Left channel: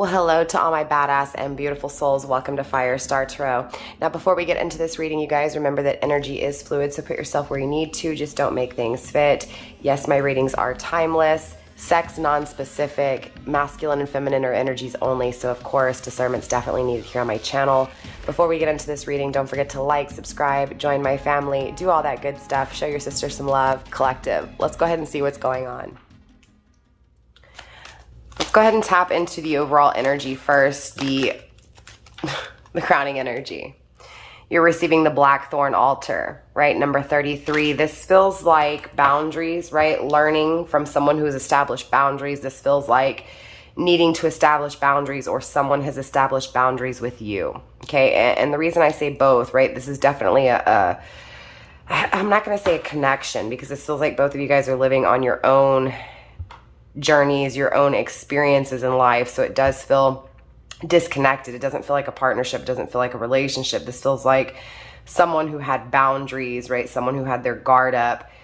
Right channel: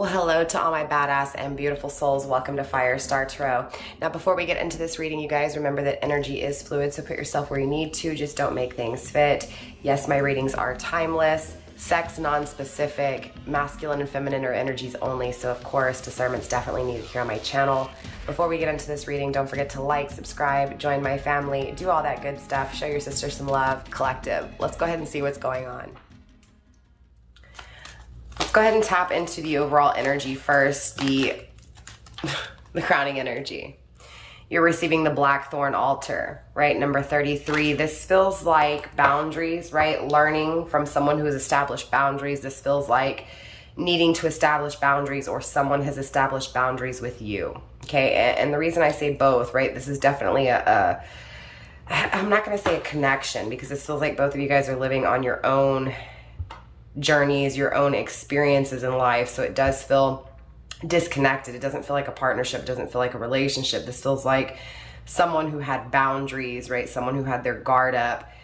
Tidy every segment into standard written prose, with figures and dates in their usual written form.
Well, hello to all my badass and beautiful souls. Welcome to Firestarpassion. Now, before we get into this reading, you guys remember that energy is fluid, so put yourself where you need to. Just don't make things fit. Yes, my readings are timeless, sex non-specific, masculine and feminine are energies only, so of course, discernment's definitely needed here on my channel. Before we get into this reading, don't forget to like, subscribe, join my family, do all that good stuff, show your sister some love, collective. Let's go ahead and see what's going on. Let's go ahead and tap into the overall energy first, the crowning energy. You're receiving the Blackthorn altar, right? Number 33. This feels like boundaries, right? Learning from someone who's established boundaries. This feels like needing to establish boundaries, or someone has established boundaries with you, okay? And the reason I say both, right? This is definitely I'm not going to say a connection, because this feels like both of you guys are living on your own journeys, your own experiences in life. So it does feel disconnected. It doesn't feel like a partnership. It doesn't feel like a relationship. This feels like someone who had boundaries, right? Someone who had their guard up,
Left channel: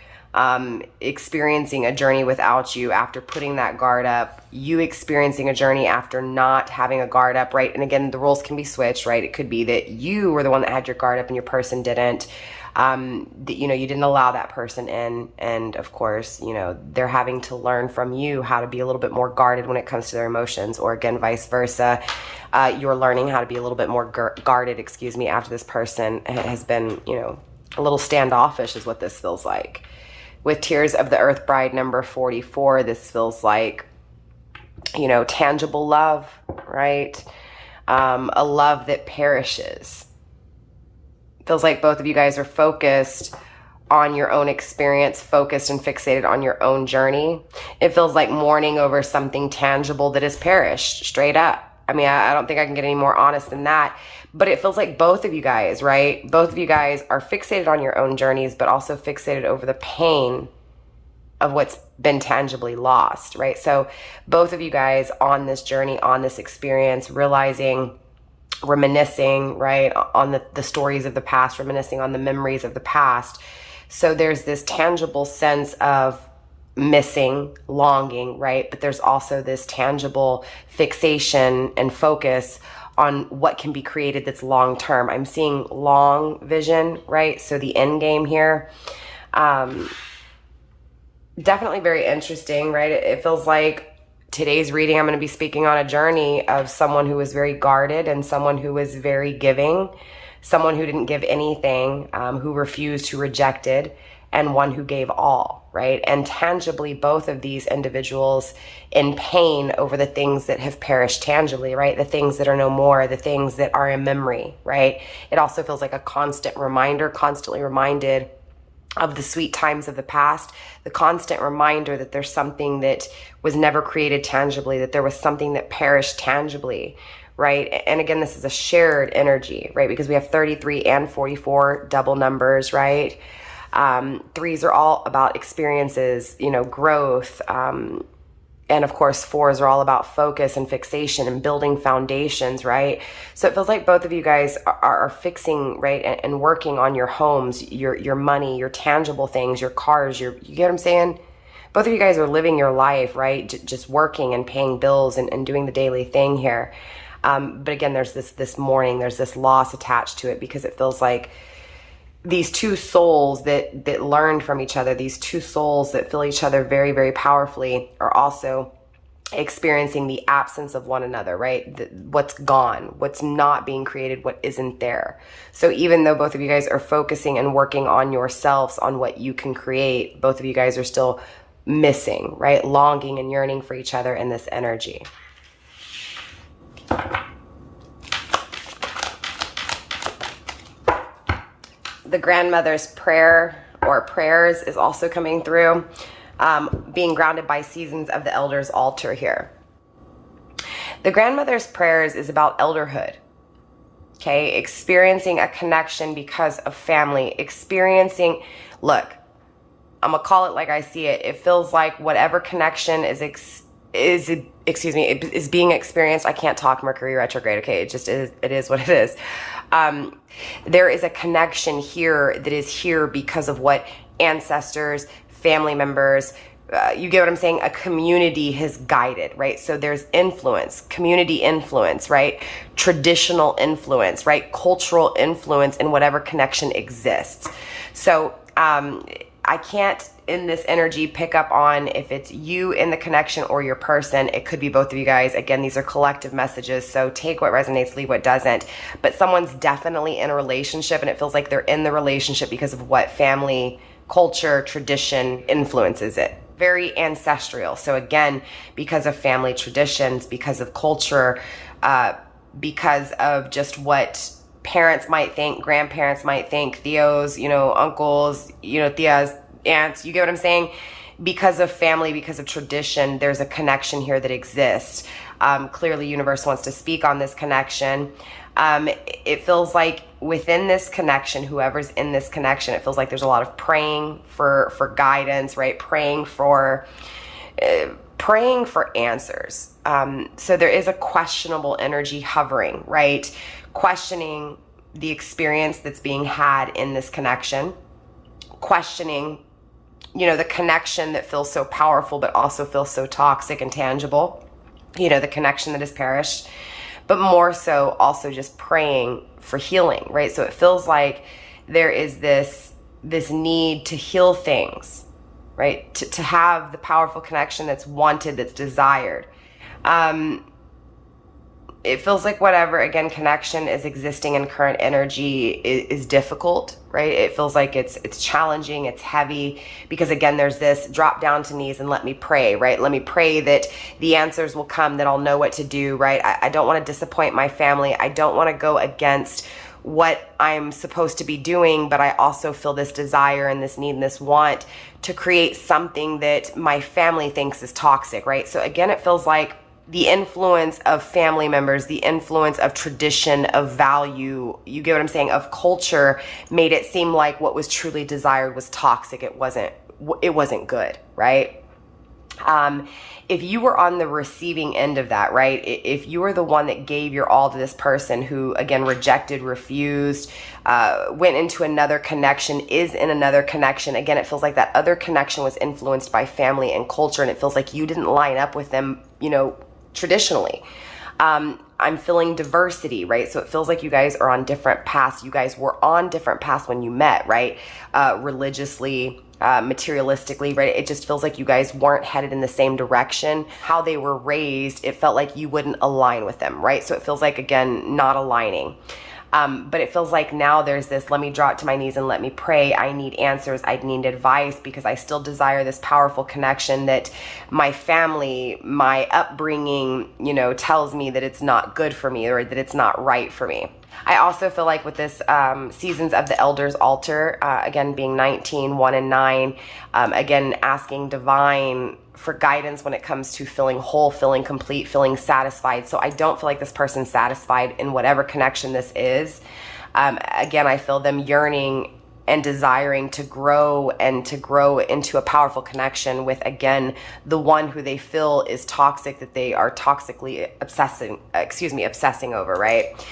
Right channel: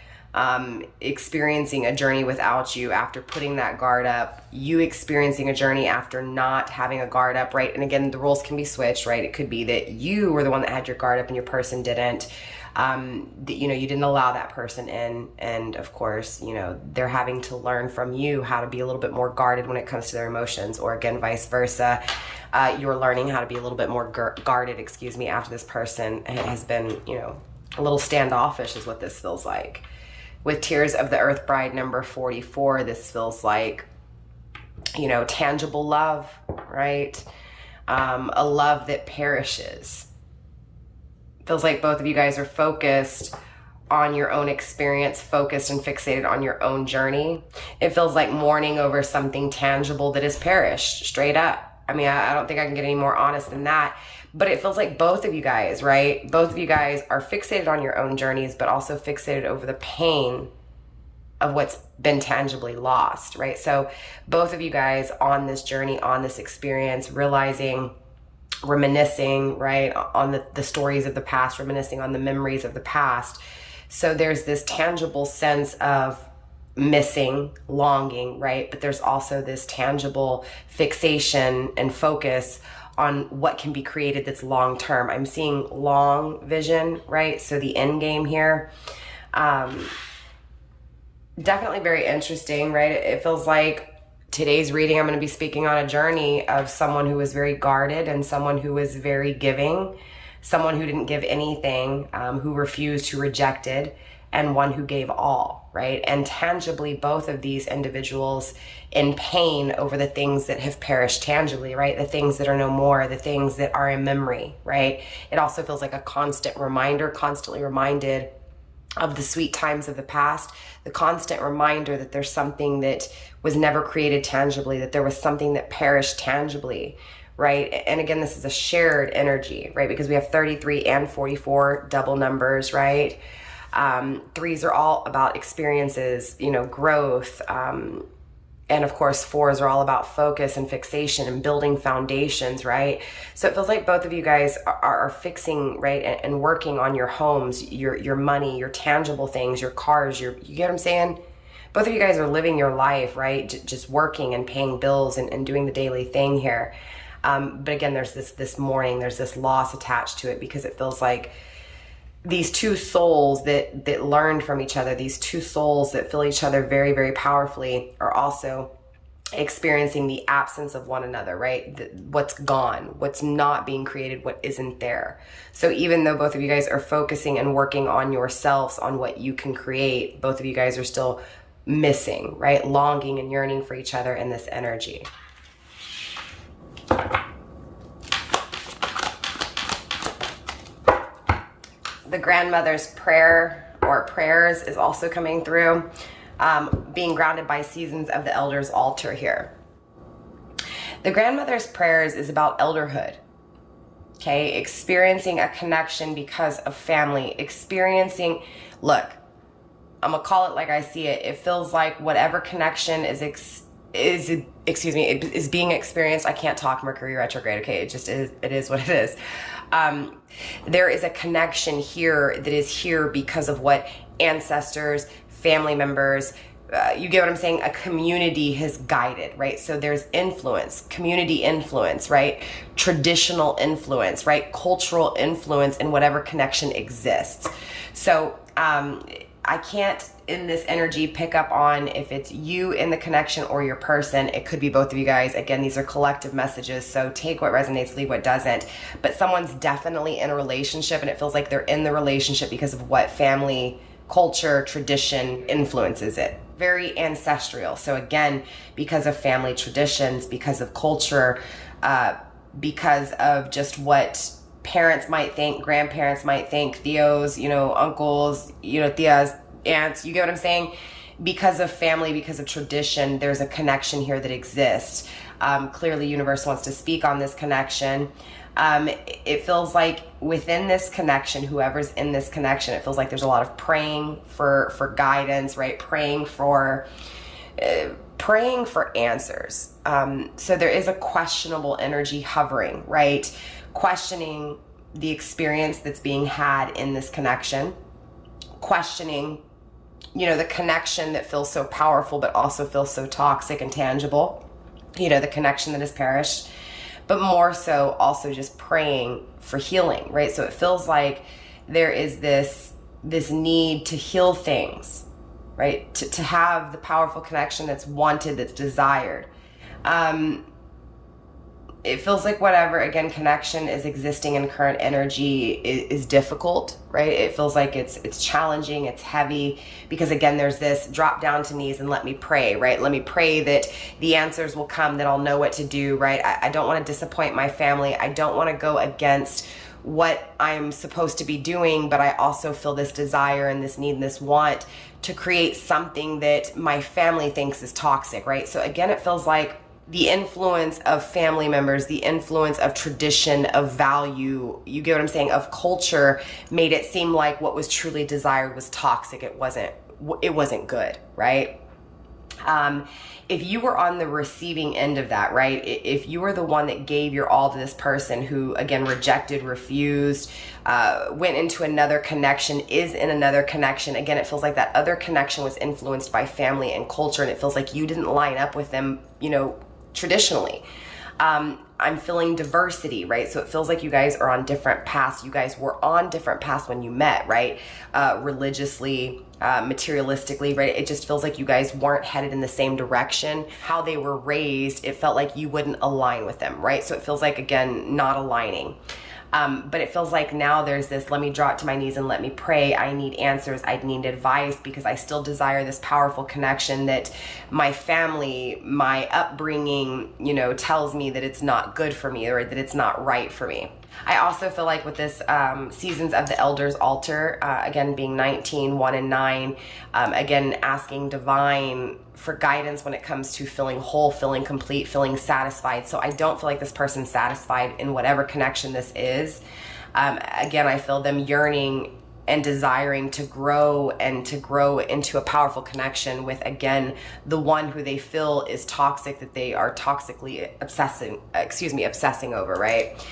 experiencing a journey without you after putting that guard up, you experiencing a journey after not having a guard up, right? And again, the roles can be switched, right? It could be that you were the one that had your guard up and your person didn't. That, you know, you didn't allow that person in, and of course, you know, they're having to learn from you how to be a little bit more guarded when it comes to their emotions, or again, vice versa. You're learning how to be a little bit more guarded, after this person has been, you know, a little standoffish is what this feels like. With Tears of the Earth Bride, number 44, this feels like, you know, tangible love, right? A love that perishes. Feels like both of you guys are focused on your own experience, focused and fixated on your own journey. It feels like mourning over something tangible that has perished, straight up. I mean, I don't think I can get any more honest than that, but it feels like both of you guys, right? Both of you guys are fixated on your own journeys, but also fixated over the pain of what's been tangibly lost, right? So both of you guys on this journey, on this experience, realizing, reminiscing, right, on the stories of the past, reminiscing on the memories of the past. So there's this tangible sense of missing, longing, right? But there's also this tangible fixation and focus on what can be created that's long term. I'm seeing long vision, right? So the end game here, definitely very interesting, right? It feels like today's reading, I'm going to be speaking on a journey of someone who was very guarded and someone who was very giving, someone who didn't give anything, who refused, who rejected, and one who gave all, right? And tangibly, both of these individuals in pain over the things that have perished tangibly, right? The things that are no more, the things that are in memory, right? It also feels like a constant reminder, constantly reminded of the sweet times of the past, the constant reminder that there's something that was never created tangibly, that there was something that perished tangibly, right? And again, this is a shared energy, right? Because we have 33 and 44 double numbers, right? Threes are all about experiences, you know, growth. And of course, fours are all about focus and fixation and building foundations, right? So it feels like both of you guys are fixing, right, and working on your homes, your money, your tangible things, your cars, you get what I'm saying? Both of you guys are living your life, right? Just working and paying bills and doing the daily thing here. But again, there's this mourning, there's this loss attached to it, because it feels like these two souls that learned from each other, these two souls that feel each other very, very powerfully, are also experiencing the absence of one another, right? What's gone, what's not being created, what isn't there. So even though both of you guys are focusing and working on yourselves, on what you can create, both of you guys are still missing, right? Longing and yearning for each other in this energy. The grandmother's prayer or prayers is also coming through, being grounded by seasons of the elder's altar here. The grandmother's prayers is about elderhood, okay? Experiencing a connection because of family, experiencing, look, I'm gonna call it like I see it. It feels like whatever connection is being experienced. I can't talk Mercury retrograde, okay? It just is, it is what it is. There is a connection here that is here because of what ancestors, family members, you get what I'm saying? A community has guided, right? So there's influence, community influence, right? Traditional influence, right? Cultural influence in whatever connection exists. So I can't, in this energy, pick up on if it's you in the connection or your person. It could be both of you guys. Again, these are collective messages, so take what resonates, leave what doesn't. But someone's definitely in a relationship, and it feels like they're in the relationship because of what family, culture, tradition influences it. Very ancestral. So again, because of family traditions, because of culture, because of just what parents might think, grandparents might think, theos, you know, uncles, you know, tias, aunts, you get what I'm saying? Because of family, because of tradition, there's a connection here that exists. Clearly, universe wants to speak on this connection. It feels like within this connection, whoever's in this connection, it feels like there's a lot of praying for guidance, right? Praying for answers. So there is a questionable energy hovering, right? Questioning the experience that's being had in this connection, questioning, you know, the connection that feels so powerful but also feels so toxic and tangible, you know, the connection that has perished, but more so also just praying for healing, right? So it feels like there is this need to heal things, right? To have the powerful connection that's wanted, that's desired. It feels like whatever, again, connection is existing in current energy is difficult, right? It feels like it's challenging, it's heavy, because again, there's this drop down to knees and let me pray, right? Let me pray that the answers will come, that I'll know what to do, right? I don't want to disappoint my family. I don't want to go against what I'm supposed to be doing, but I also feel this desire and this need and this want to create something that my family thinks is toxic, right? So again, it feels like the influence of family members, the influence of tradition, of value, you get what I'm saying, of culture, made it seem like what was truly desired was toxic. It wasn't good, right? If you were on the receiving end of that, right? If you were the one that gave your all to this person who, again, rejected, refused, went into another connection, is in another connection. Again, it feels like that other connection was influenced by family and culture, and it feels like you didn't line up with them, you know, traditionally. I'm feeling diversity, right? So it feels like you guys are on different paths. You guys were on different paths when you met, right? Religiously, materialistically, right? It just feels like you guys weren't headed in the same direction. How they were raised, it felt like you wouldn't align with them, right? So it feels like, again, not aligning. But it feels like now there's this, let me drop to my knees and let me pray. I need answers. I need advice, because I still desire this powerful connection that my family, my upbringing, you know, tells me that it's not good for me, or that it's not right for me. I also feel like with this Seasons of the Elders altar, again, being 19, 1 and 9, again, asking divine for guidance when it comes to feeling whole, feeling complete, feeling satisfied. So I don't feel like this person's satisfied in whatever connection this is. Again, I feel them yearning and desiring to grow into a powerful connection with, again, the one who they feel is toxic, that they are toxically obsessing over, right?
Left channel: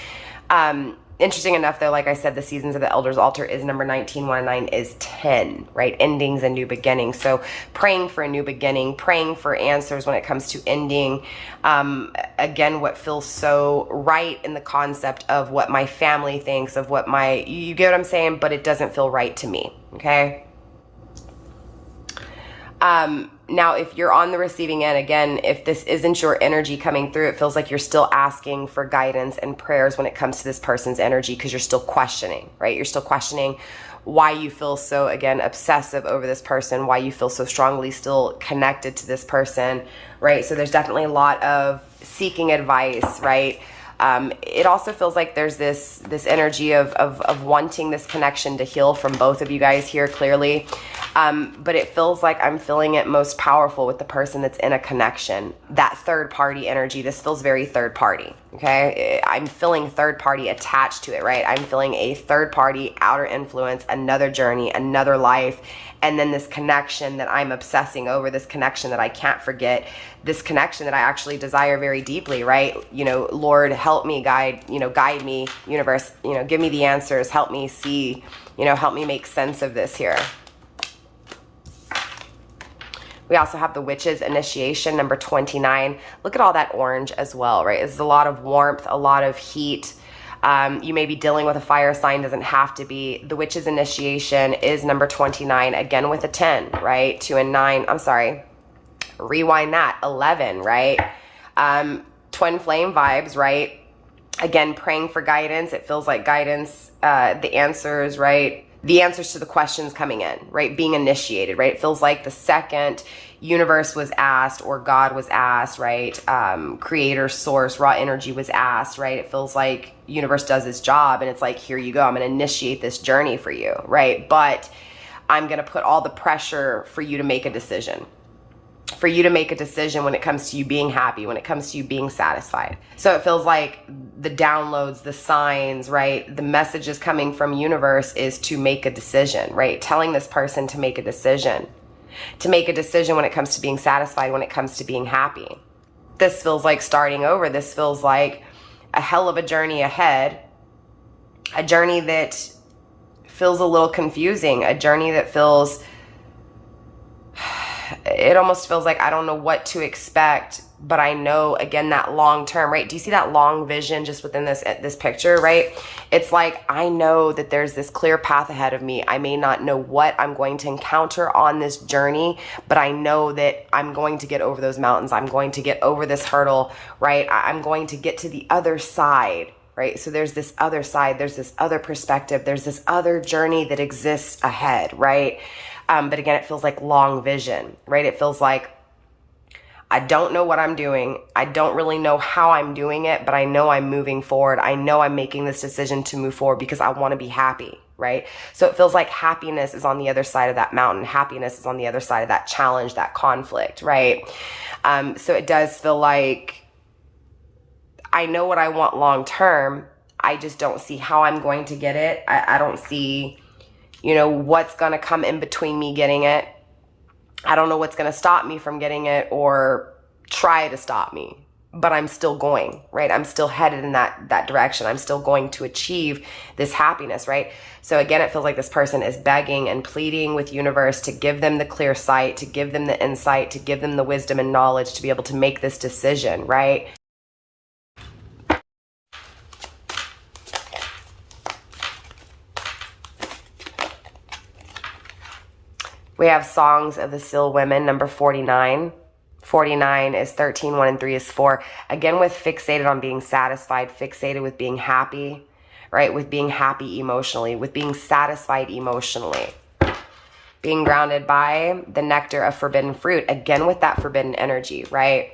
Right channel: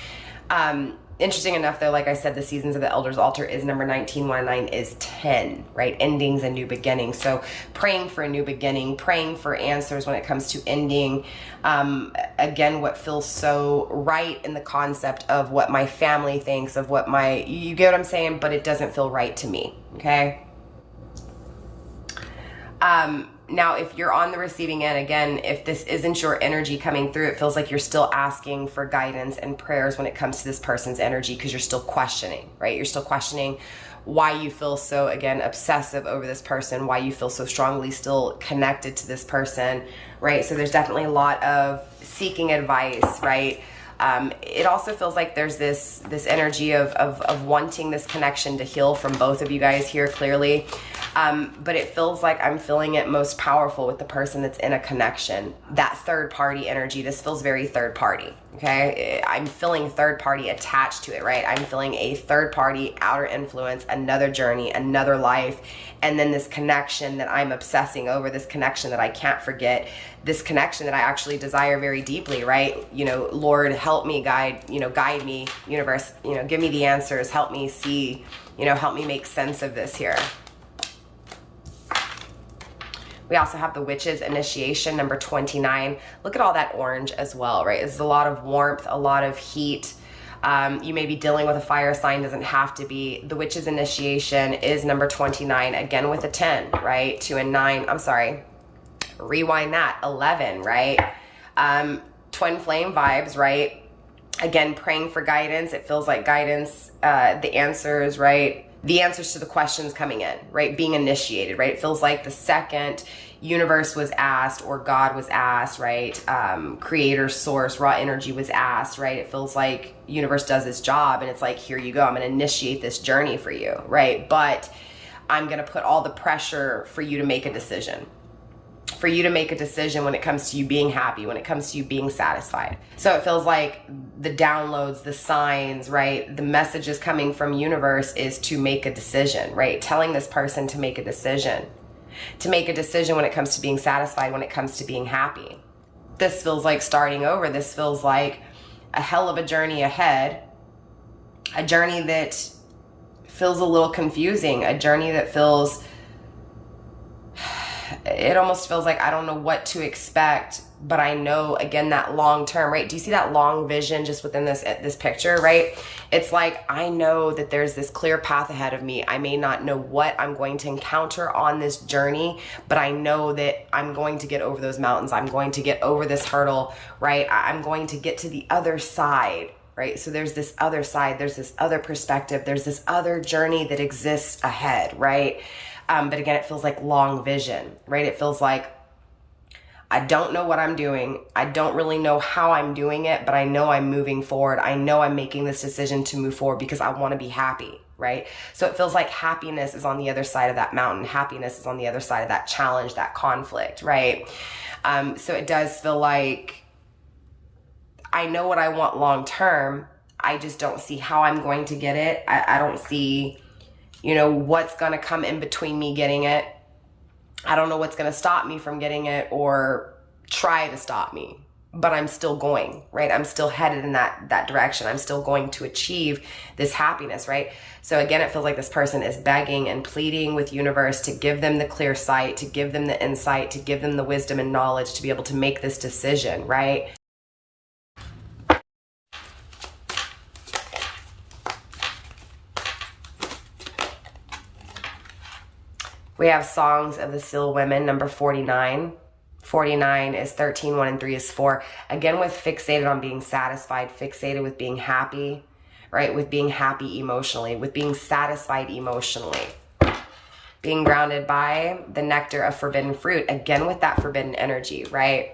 Interesting enough, though, like I said, the Seasons of the Elders altar is number 19, 1 and 9 is 10, right? Endings and new beginnings. So praying for a new beginning, praying for answers when it comes to ending. Again, what feels so right in the concept of what my family thinks, of what you get what I'm saying, but it doesn't feel right to me, okay? Now, if you're on the receiving end, again, if this isn't your energy coming through, it feels like you're still asking for guidance and prayers when it comes to this person's energy, because you're still questioning, right? You're still questioning why you feel so, again, obsessive over this person, why you feel so strongly still connected to this person, right? So there's definitely a lot of seeking advice, right? It also feels like there's this energy of wanting this connection to heal from both of you guys here, clearly. But it feels like I'm feeling it most powerful with the person that's in a connection. That third party energy, this feels very third party, okay? I'm feeling third party attached to it, right? I'm feeling a third party outer influence, another journey, another life, and then this connection that I'm obsessing over, this connection that I can't forget, this connection that I actually desire very deeply, right? You know, Lord, help me, guide me, universe, you know, give me the answers, help me see, you know, help me make sense of this here. We also have the Witch's Initiation, number 29. Look at all that orange as well, right? It's a lot of warmth, a lot of heat. You may be dealing with a fire sign, doesn't have to be. The Witch's Initiation is number 29, again with a 10, right? 2 and 9, I'm sorry. Rewind that, 11, right? Twin flame vibes, right? Again, praying for guidance. It feels like guidance, the answers, right? The answers to the questions coming in, right? Being initiated, right? It feels like the second universe was asked or God was asked, right? Creator, source, raw energy was asked, right? It feels like universe does its job and it's like, here you go. I'm going to initiate this journey for you, right? But I'm going to put all the pressure for you to make a decision. For you to make a decision when it comes to you being happy, when it comes to you being satisfied. So it feels like the downloads, the signs, right? The messages coming from universe is to make a decision, right? Telling this person to make a decision. To make a decision when it comes to being satisfied, when it comes to being happy. This feels like starting over. This feels like a hell of a journey ahead. A journey that feels a little confusing. A journey that feels... It almost feels like I don't know what to expect, but I know, again, that long term, right? Do you see that long vision just within this picture, right? It's like, I know that there's this clear path ahead of me. I may not know what I'm going to encounter on this journey, but I know that I'm going to get over those mountains. I'm going to get over this hurdle, right? I'm going to get to the other side, right? So there's this other side, there's this other perspective, there's this other journey that exists ahead, right? But again, it feels like long vision, right? It feels like I don't know what I'm doing. I don't really know how I'm doing it, but I know I'm moving forward. I know I'm making this decision to move forward because I want to be happy, right? So it feels like happiness is on the other side of that mountain. Happiness is on the other side of that challenge, that conflict, right? So it does feel like I know what I want long term. I just don't see how I'm going to get it. I don't see... what's going to come in between me getting it. I don't know what's going to stop me from getting it or try to stop me, but I'm still going, right? I'm still headed in that direction. I'm still going to achieve this happiness, right? So again, it feels like this person is begging and pleading with universe to give them the clear sight, to give them the insight, to give them the wisdom and knowledge to be able to make this decision, right? We have Songs of the Seal Women, number 49. 49 is 13, 1 and 3 is 4. Again, with fixated on being satisfied, fixated with being happy, right? With being happy emotionally, with being satisfied emotionally. Being grounded by the nectar of forbidden fruit. Again, with that forbidden energy, right?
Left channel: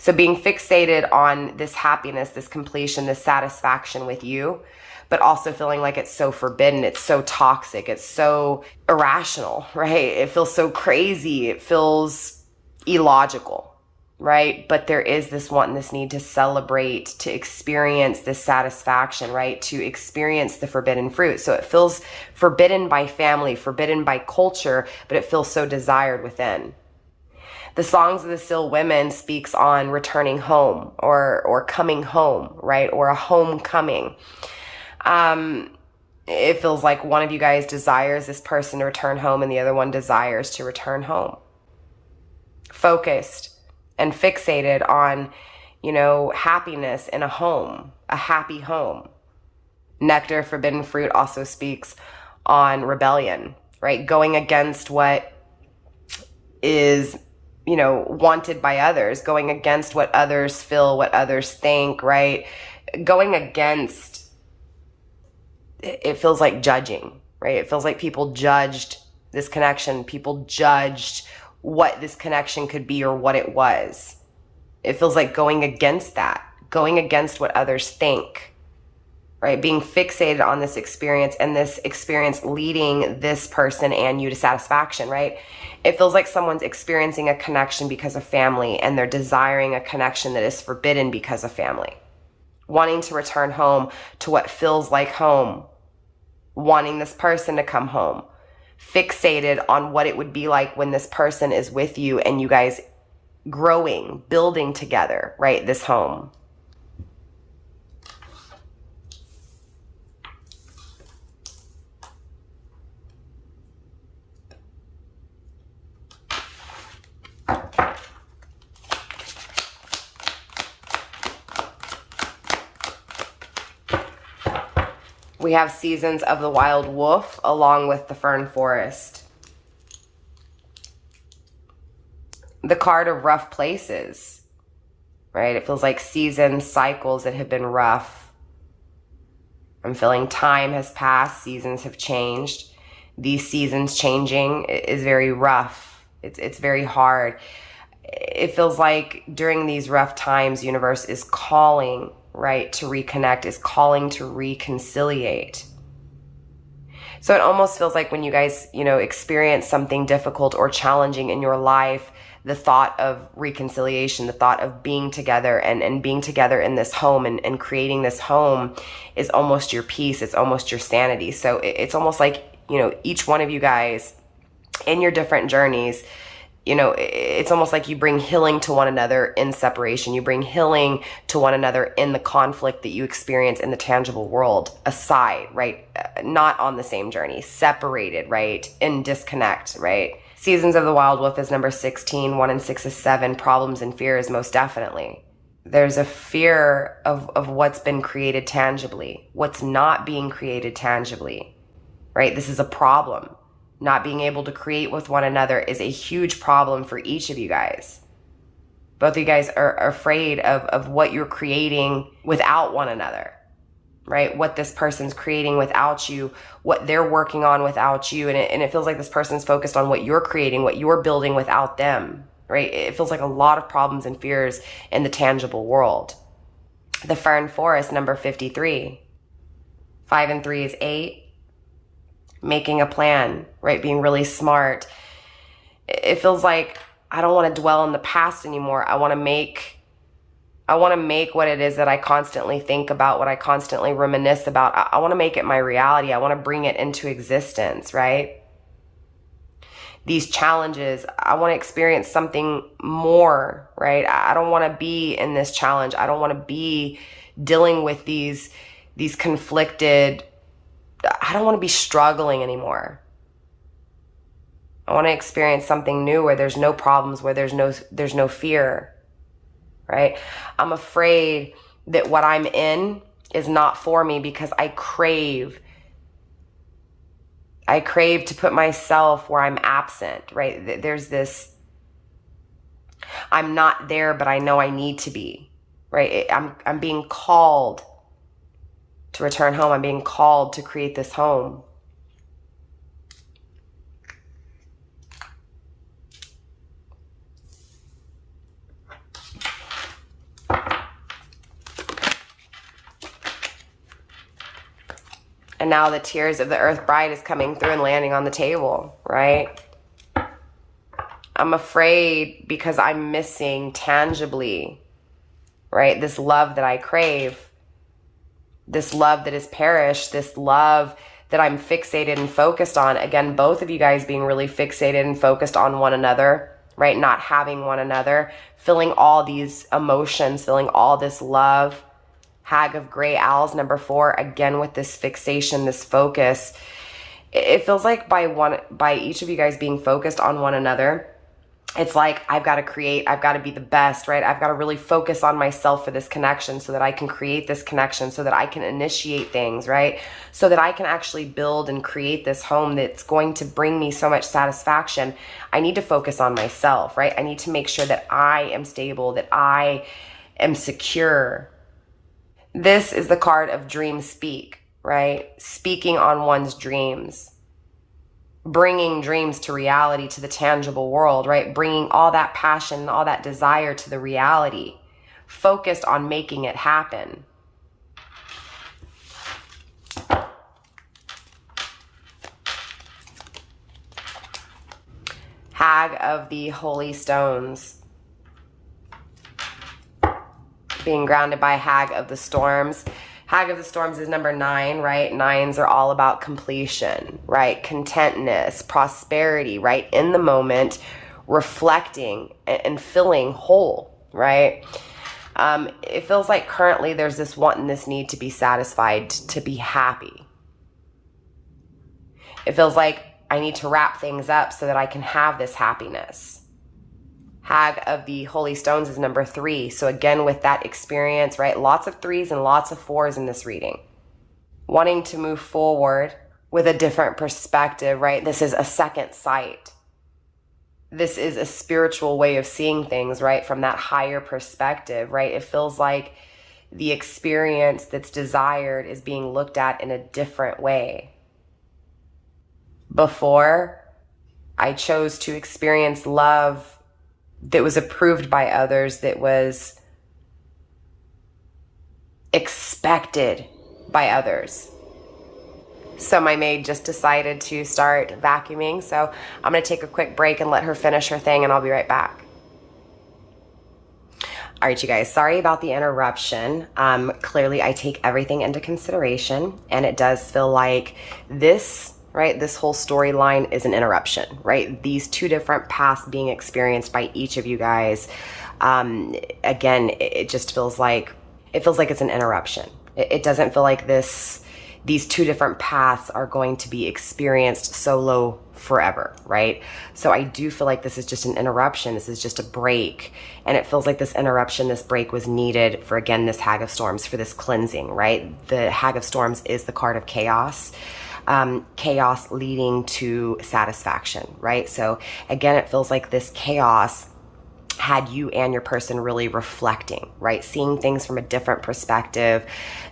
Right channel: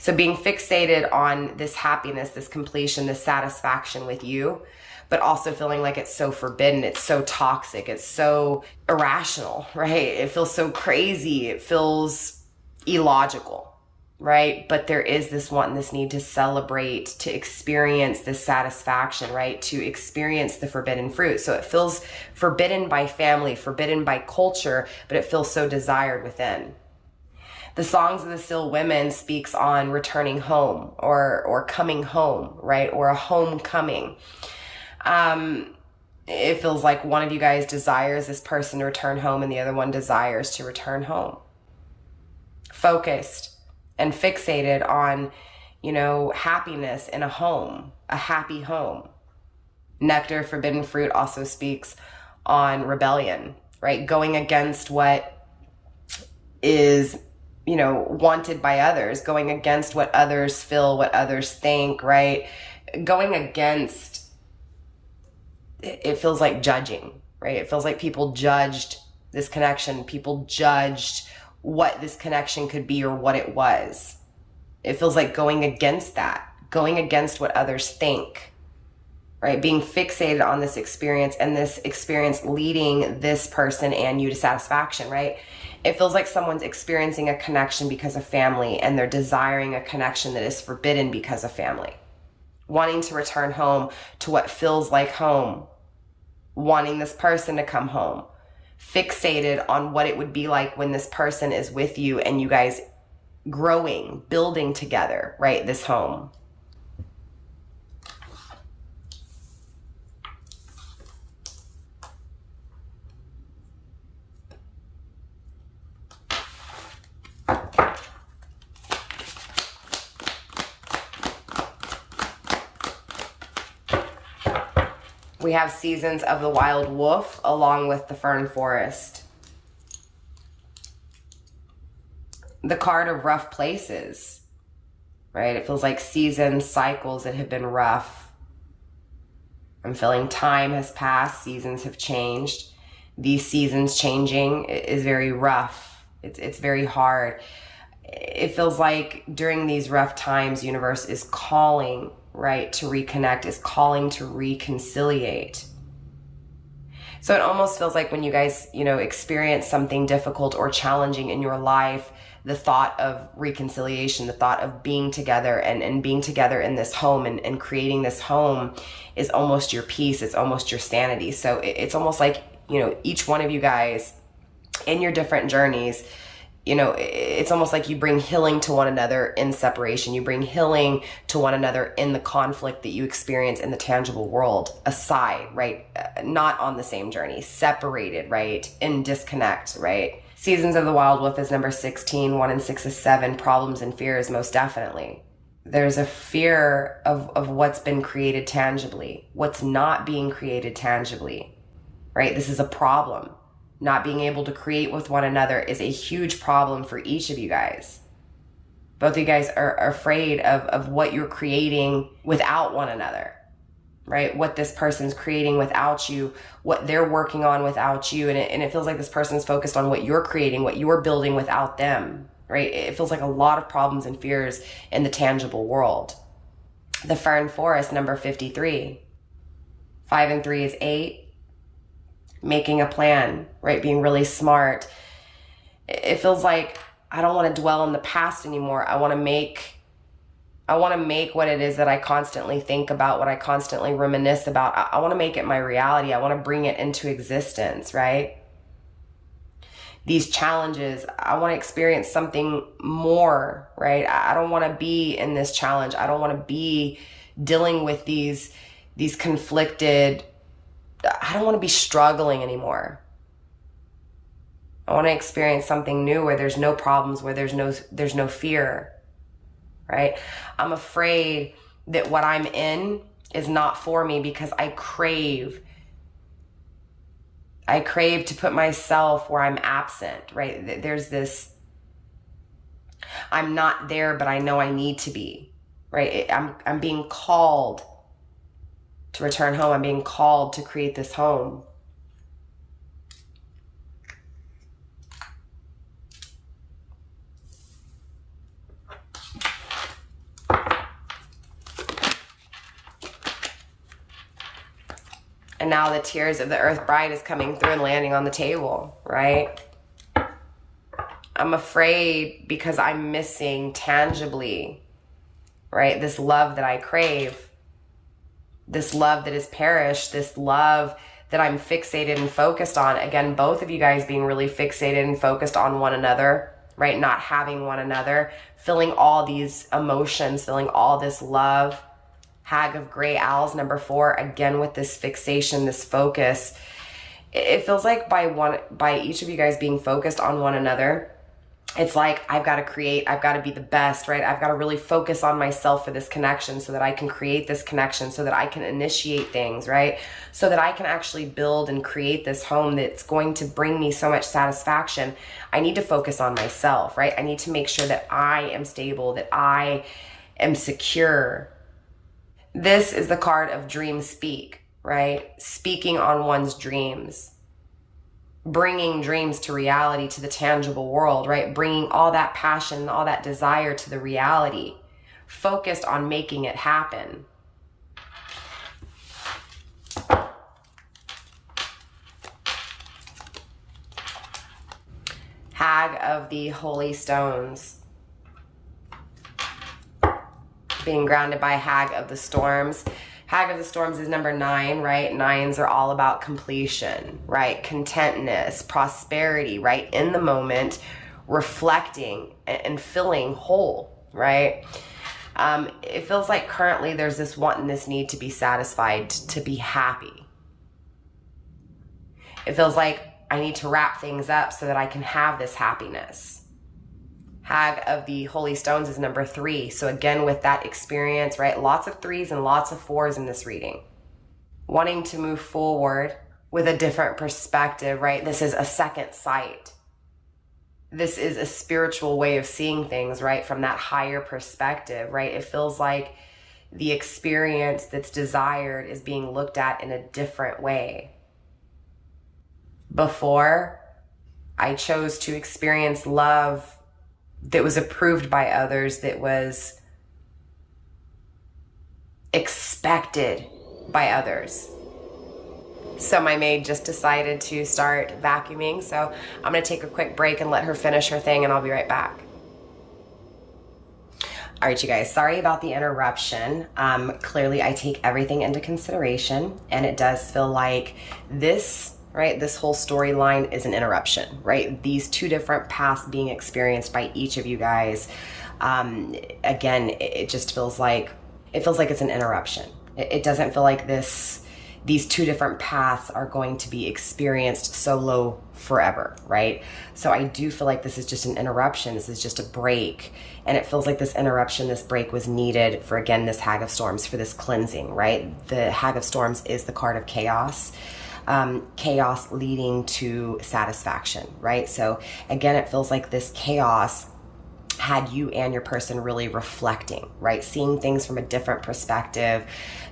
So being fixated on this happiness, this completion, this satisfaction with you, but also feeling like it's so forbidden, it's so toxic, it's so irrational, right? It feels so crazy, it feels illogical, right? But there is this want and this need to celebrate, to experience this satisfaction, right? To experience the forbidden fruit. So it feels forbidden by family, forbidden by culture, but it feels so desired within. The Songs of the Seal Women speaks on returning home or coming home, right? Or a homecoming. It feels like one of you guys desires this person to return home and the other one desires to return home. Focused and fixated on, happiness in a home, a happy home. Nectar, forbidden fruit also speaks on rebellion, right? Going against what is, wanted by others, going against what others feel, what others think, right? Going against... It feels like judging, right? It feels like people judged this connection. People judged what this connection could be or what it was. It feels like going against that, going against what others think, right? Being fixated on this experience and this experience leading this person and you to satisfaction, right? It feels like someone's experiencing a connection because of family and they're desiring a connection that is forbidden because of family. Wanting to return home to what feels like home, wanting this person to come home, fixated on what it would be like when this person is with you and you guys growing, building together, right? This home. We have seasons of the wild wolf along with the fern forest. The card of rough places, right? It feels like seasons, cycles that have been rough. I'm feeling time has passed, seasons have changed. These seasons changing is very rough. It's very hard. It feels like during these rough times, universe is calling, right, to reconnect, is calling to reconciliate. So it almost feels like when you guys, you know, experience something difficult or challenging in your life, the thought of reconciliation, the thought of being together and being together in this home and creating this home is almost your peace. It's almost your sanity. So it's almost like, you know, each one of you guys in your different journeys, you know, it's almost like you bring healing to one another in separation. You bring healing to one another in the conflict that you experience in the tangible world, aside, right? Not on the same journey, separated, right? In disconnect, right? Seasons of the Wild Wolf is number 16, 1 and 6 is 7, problems and fears, most definitely. There's a fear of what's been created tangibly, what's not being created tangibly, right? This is a problem. Not being able to create with one another is a huge problem for each of you guys. Both of you guys are afraid of what you're creating without one another, right? What this person's creating without you, what they're working on without you. And it feels like this person's focused on what you're creating, what you're building without them, right? It feels like a lot of problems and fears in the tangible world. The Fern Forest, number 53. 5 and 3 is 8. Making a plan, right? Being really smart. It feels like I don't want to dwell on the past anymore. I want to make what it is that I constantly think about, what I constantly reminisce about. I want to make it my reality. I want to bring it into existence, right? These challenges, I want to experience something more, right? I don't want to be in this challenge. I don't want to be dealing with these conflicted, I don't want to be struggling anymore. I want to experience something new where there's no problems, where there's no fear, right? I'm afraid that what I'm in is not for me because I crave to put myself where I'm absent, right? There's this, I'm not there, but I know I need to be, right? I'm being called to return home. I'm being called to create this home. And now the tears of the Earth Bride is coming through and landing on the table, right? I'm afraid because I'm missing tangibly, right? This love that I crave. This love that has perished, this love that I'm fixated and focused on. Again, both of you guys being really fixated and focused on one another, right? Not having one another, feeling all these emotions, feeling all this love. Hag of Gray Owls, number 4, again with this fixation, this focus. It feels like by each of you guys being focused on one another, it's like I've got to create, I've got to be the best, right? I've got to really focus on myself for this connection so that I can create this connection, so that I can initiate things, right? So that I can actually build and create this home that's going to bring me so much satisfaction. I need to focus on myself, right? I need to make sure that I am stable, that I am secure. This is the card of dream speak, right? Speaking on one's dreams. Bringing dreams to reality, to the tangible world, right? Bringing all that passion, all that desire to the reality, focused on making it happen. Hag of the Holy Stones. Being grounded by Hag of the Storms. Hag of the Storms is number 9, right? 9s are all about completion, right? Contentness, prosperity, right? In the moment, reflecting and feeling whole, right? It feels like currently there's this want and this need to be satisfied, to be happy. It feels like I need to wrap things up so that I can have this happiness. Hag of the Holy Stones is number 3. So again, with that experience, right? Lots of 3s and lots of 4s in this reading. wanting to move forward with a different perspective, right? This is a second sight. This is a spiritual way of seeing things, right? From that higher perspective, right? It feels like the experience that's desired is being looked at in a different way. Before, I chose to experience love that was approved by others, that was expected by others. So my maid just decided to start vacuuming, so I'm going to take a quick break and let her finish her thing, and I'll be right back. All right, you guys, sorry about the interruption. Clearly, I take everything into consideration, and it does feel like this, right, this whole storyline is an interruption, right? These two different paths being experienced by each of you guys. Again, it just feels like, it's an interruption. It doesn't feel like these two different paths are going to be experienced solo forever, right? So I do feel like this is just an interruption. This is just a break. And it feels like this interruption, this break was needed for, again, this Hag of Storms, for this cleansing, right? The Hag of Storms is the card of chaos. Chaos leading to satisfaction, right? So again, it feels like this chaos had you and your person really reflecting, right? Seeing things from a different perspective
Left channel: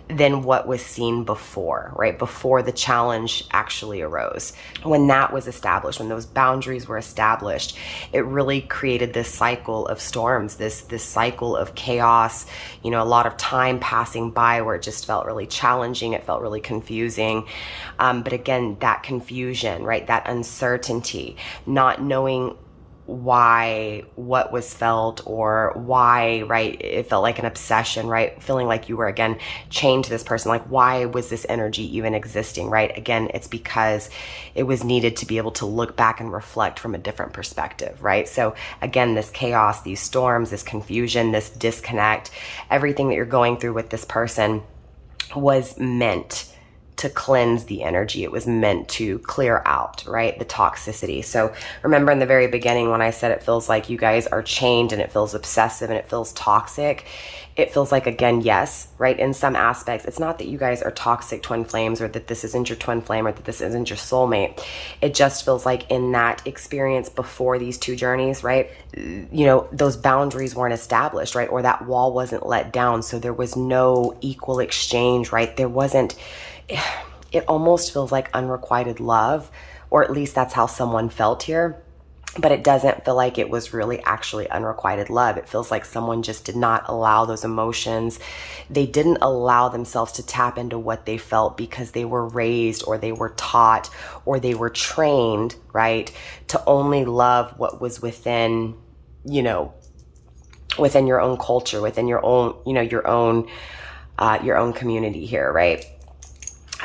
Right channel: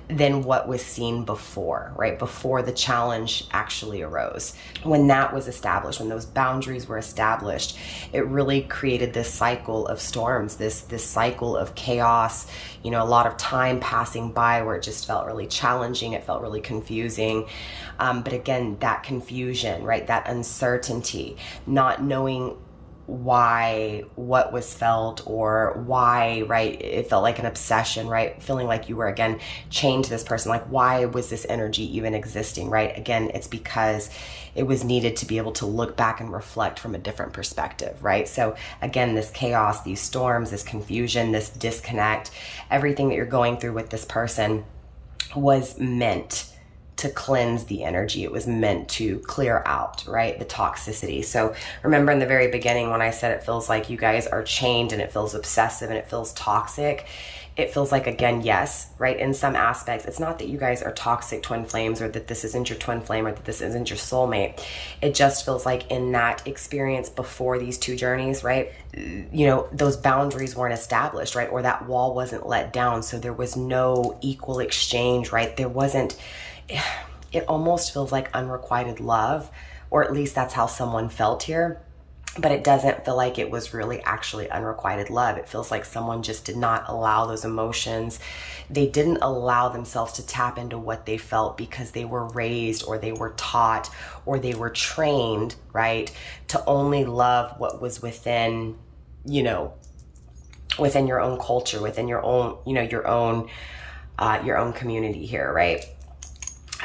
than what was seen before, right? Before the challenge actually arose. When that was established, when those boundaries were established, it really created this cycle of storms, this cycle of chaos, you know, a lot of time passing by where it just felt really challenging. It felt really confusing. But again, that confusion, right? That uncertainty, not knowing why what was felt, or why, right, it felt like an obsession, right? Feeling like you were, again, chained to this person. Like, why was this energy even existing, right? Again, it's because it was needed to be able to look back and reflect from a different perspective, right? So again, this chaos, these storms, this confusion, this disconnect, everything that you're going through with this person was meant to cleanse the energy. It was meant to clear out, right, the toxicity. So remember in the very beginning when I said it feels like you guys are chained, and it feels obsessive, and it feels toxic. It feels like, again, yes, right, in some aspects, it's not that you guys are toxic twin flames, or that this isn't your twin flame, or that this isn't your soulmate. It just feels like in that experience before these two journeys, right, you know, those boundaries weren't established, right, or that wall wasn't let down. So there was no equal exchange, right? There wasn't, it almost feels like unrequited love, or at least that's how someone felt here. But it doesn't feel like it was really actually unrequited love. It feels like someone just did not allow those emotions. They didn't allow themselves to tap into what they felt because they were raised, or they were taught, or they were trained, right, to only love what was within, you know, within your own culture, within your own, you know, your own community here, right?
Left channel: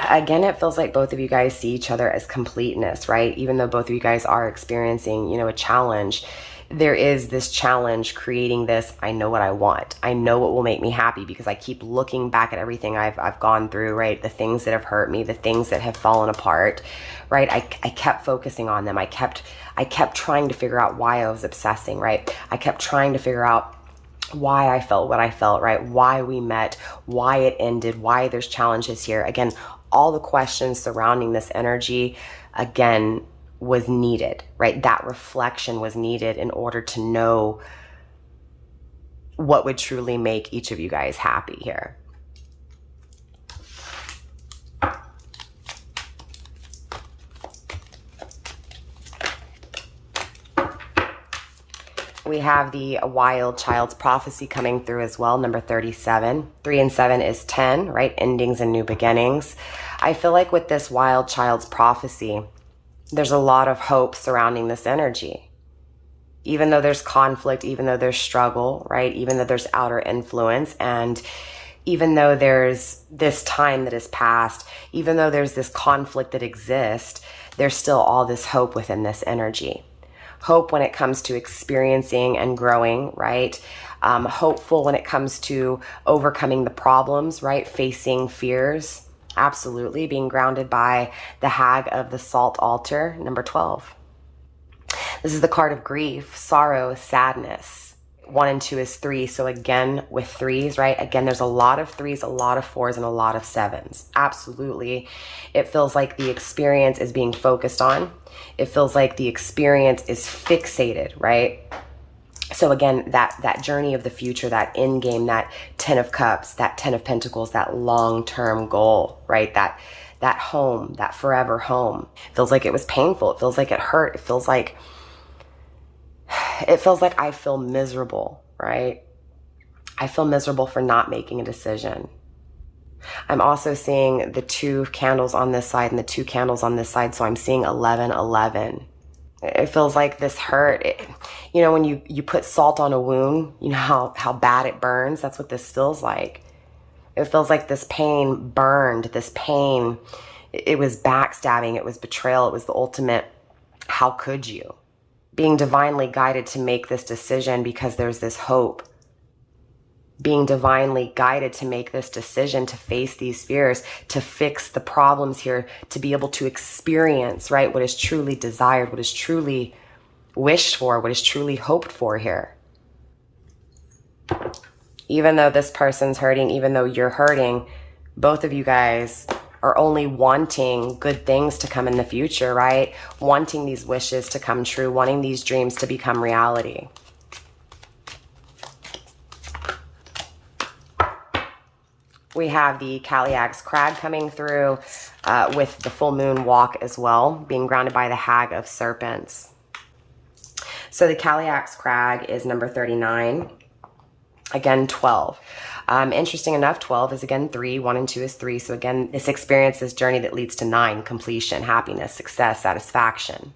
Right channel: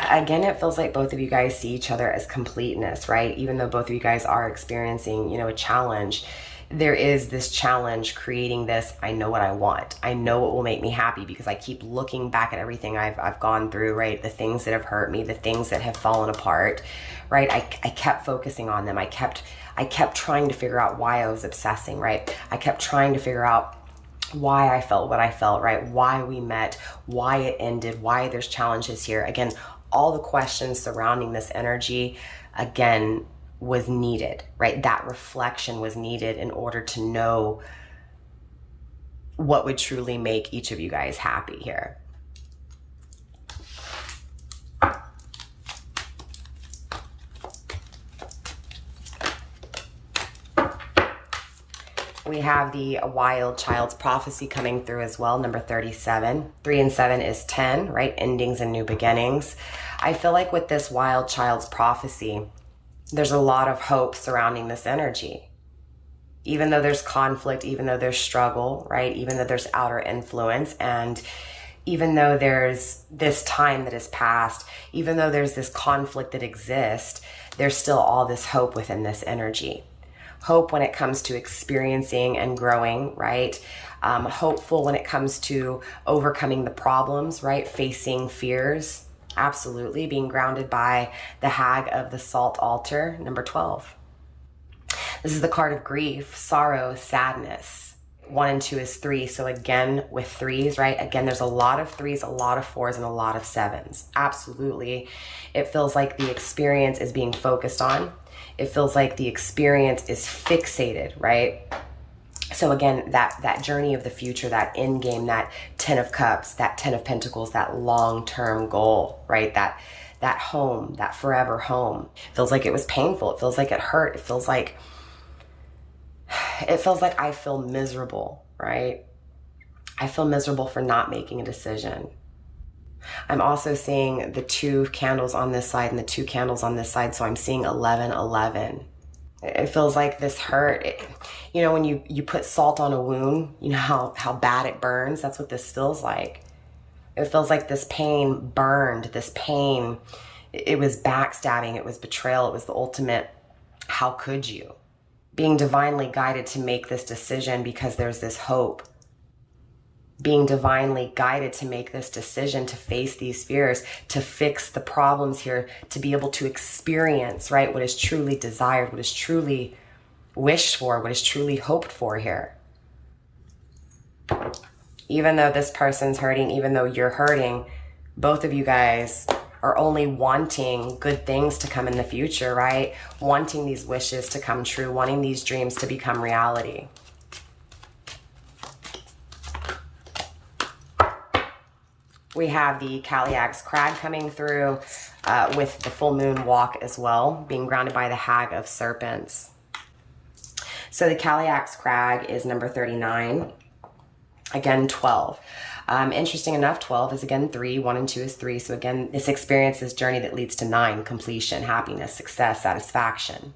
Again, it feels like both of you guys see each other as completeness, right? Even though both of you guys are experiencing, you know, a challenge, there is this challenge creating this, I know what I want. I know what will make me happy, because I keep looking back at everything I've gone through, right? The things that have hurt me, the things that have fallen apart, right? I kept focusing on them. I kept trying to figure out why I was obsessing, right? I kept trying to figure out why I felt what I felt, right? Why we met, why it ended, why there's challenges here. Again, all the questions surrounding this energy, again, was needed, right? That reflection was needed in order to know what would truly make each of you guys happy here. We have the Wild Child's Prophecy coming through as well, number 37. 3 and 7 is 10, right? Endings and new beginnings. I feel like with this Wild Child's Prophecy, there's a lot of hope surrounding this energy. Even though there's conflict, even though there's struggle, right? Even though there's outer influence, and even though there's this time that has passed, even though there's this conflict that exists, there's still all this hope within this energy. Hope when it comes to experiencing and growing, right? Hopeful when it comes to overcoming the problems, right? Facing fears, absolutely. Being grounded by the Hag of the Salt Altar, number 12. This is the card of grief, sorrow, sadness. 1 and 2 is 3. So again, with threes, right? Again, there's a lot of threes, a lot of fours, and a lot of sevens. Absolutely. It feels like the experience is being focused on. It feels like the experience is fixated, right? So again, that journey of the future, that end game, that 10 of Cups, that 10 of Pentacles, that long-term goal, right? That home, that forever home. Feels like it was painful. It feels like it hurt. It feels like I feel miserable, right? I feel miserable for not making a decision. I'm also seeing the 2 candles on this side and the 2 candles on this side. So I'm seeing 11, 11. It feels like this hurt. You know, when you put salt on a wound, you know how bad it burns? That's what this feels like. It feels like this pain burned, this pain. It was backstabbing. It was betrayal. It was the ultimate, how could you? Being divinely guided to make this decision because there's this hope. Being divinely guided to make this decision, to face these fears, to fix the problems here, to be able to experience, right, what is truly desired, what is truly wished for, what is truly hoped for here. Even though this person's hurting, even though you're hurting, both of you guys are only wanting good things to come in the future, right? Wanting these wishes to come true, wanting these dreams to become reality. We have the Calyx Crag coming through with the full moon walk as well, being grounded by the Hag of Serpents. So the Calyx Crag is number 39. Again, 12. Interesting enough, 12 is again 3, 1 and 2 is 3. So again, this experience, this journey that leads to 9, completion, happiness, success, satisfaction,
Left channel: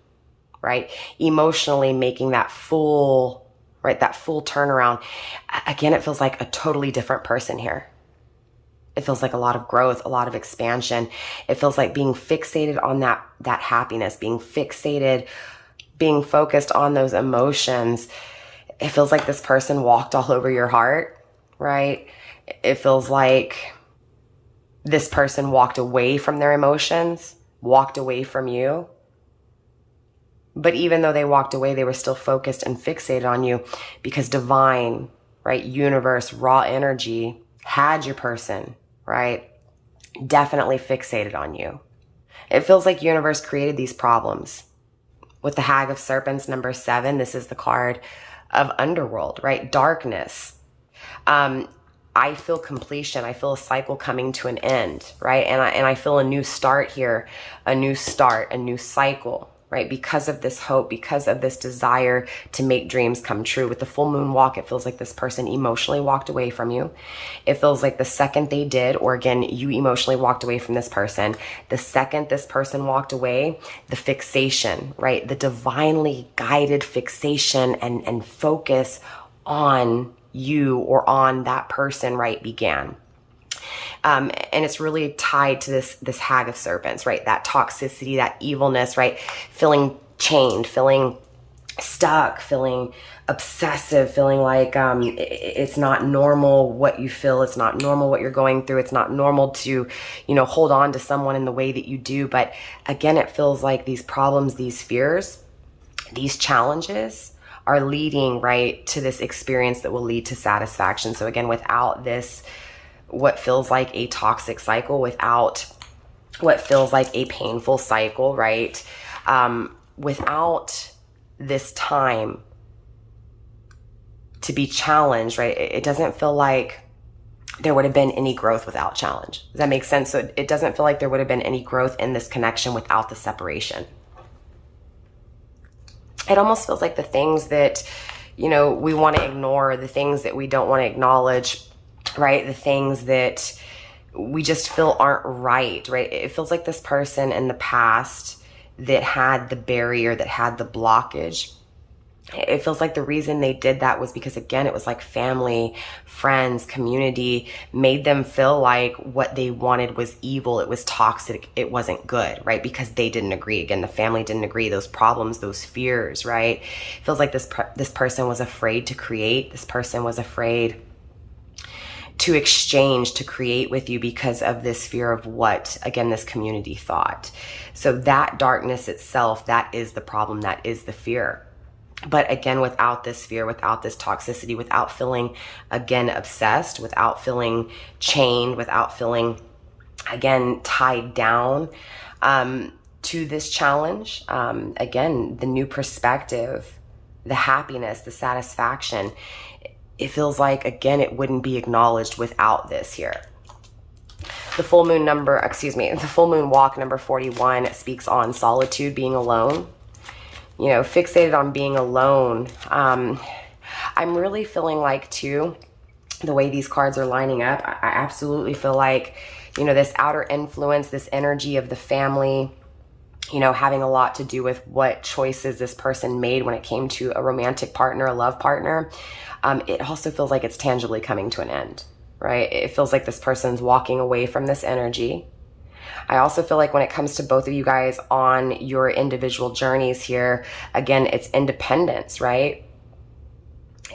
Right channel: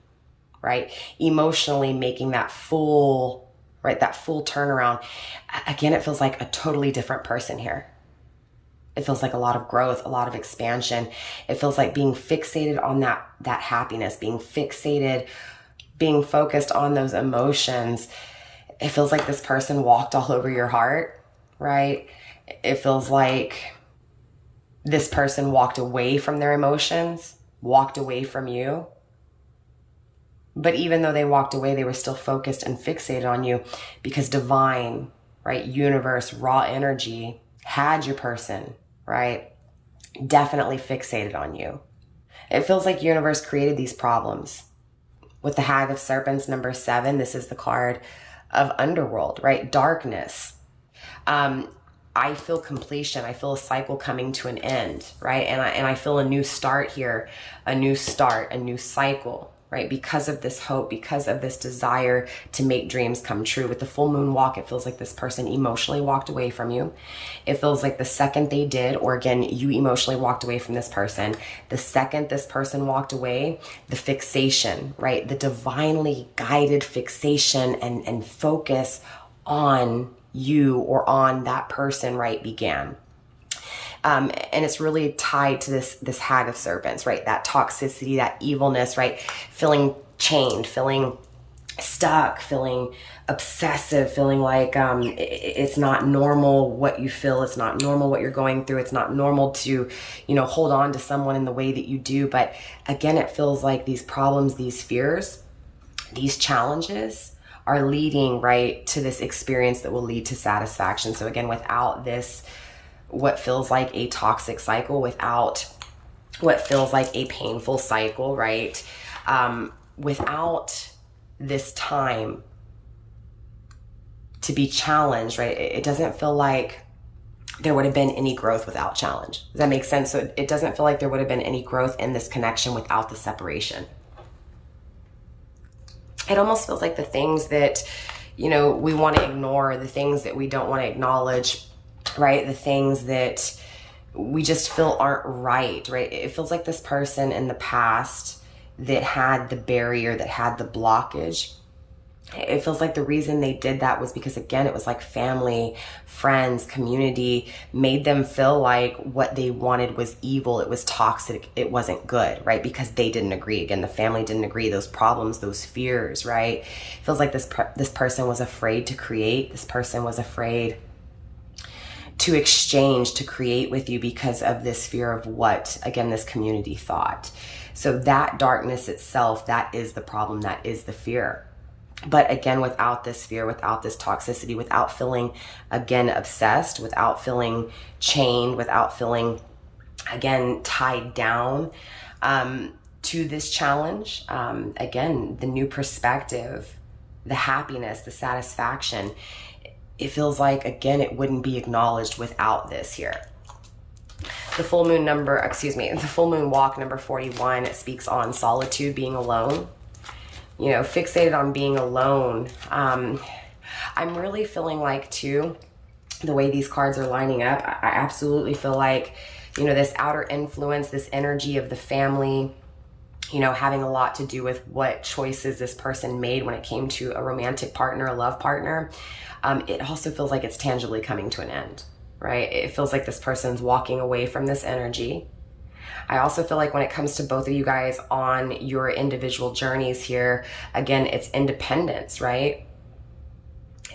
right? Emotionally making that full, right, that full turnaround. Again, it feels like a totally different person here. It feels like a lot of growth, a lot of expansion. It feels like being fixated on that happiness, being fixated, being focused on those emotions. It feels like this person walked all over your heart, right? It feels like this person walked away from their emotions, walked away from you. But even though they walked away, they were still focused and fixated on you because divine, right, universe, raw energy had your person, right, definitely fixated on you. It feels like universe created these problems. With the Hag of Serpents, number 7, this is the card of underworld, right? Darkness. I feel completion. I feel a cycle coming to an end, right? And I feel a new start here, a new start, a new cycle, right? Because of this hope, because of this desire to make dreams come true. With the full moon walk, it feels like this person emotionally walked away from you. It feels like the second they did, or again, you emotionally walked away from this person, the second this person walked away, the fixation, right? The divinely guided fixation and focus on you or on that person, right, began. And it's really tied to this Hag of Serpents, right? That toxicity, that evilness, right? Feeling chained, feeling stuck, feeling obsessive, feeling like it's not normal what you feel. It's not normal what you're going through. It's not normal to, hold on to someone in the way that you do. But again, it feels like these problems, these fears, these challenges are leading, right, to this experience that will lead to satisfaction. So again, without this, what feels like a toxic cycle, without what feels like a painful cycle, right? Without this time to be challenged, right? It doesn't feel like there would have been any growth without challenge. Does that make sense? So it doesn't feel like there would have been any growth in this connection without the separation. It almost feels like the things that, we want to ignore, the things that we don't want to acknowledge, right? The things that we just feel aren't right, right? It feels like this person in the past that had the barrier, that had the blockage. It feels like the reason they did that was because, again, it was like family, friends, community made them feel like what they wanted was evil. It was toxic. It wasn't good, right? Because they didn't agree. Again, the family didn't agree. Those problems, those fears, right? It feels like this person was afraid to create. This person was afraid to exchange, to create with you because of this fear of what, again, this community thought. So that darkness itself, that is the problem. That is the fear. But again, without this fear, without this toxicity, without feeling, again, obsessed, without feeling chained, without feeling, again, tied down to this challenge. Again, the new perspective, the happiness, the satisfaction, it feels like, again, it wouldn't be acknowledged without this here. The full moon the full moon walk number 41 speaks on solitude, being alone. You know, fixated on being alone. I'm really feeling like, too, the way these cards are lining up, I absolutely feel like, you know, this outer influence, this energy of the family, you know, having a lot to do with what choices this person made when it came to a romantic partner, a love partner. It also feels like it's tangibly coming to an end, right? It feels like this person's walking away from this energy. I also feel like when it comes to both of you guys on your individual journeys here, again, it's independence, right?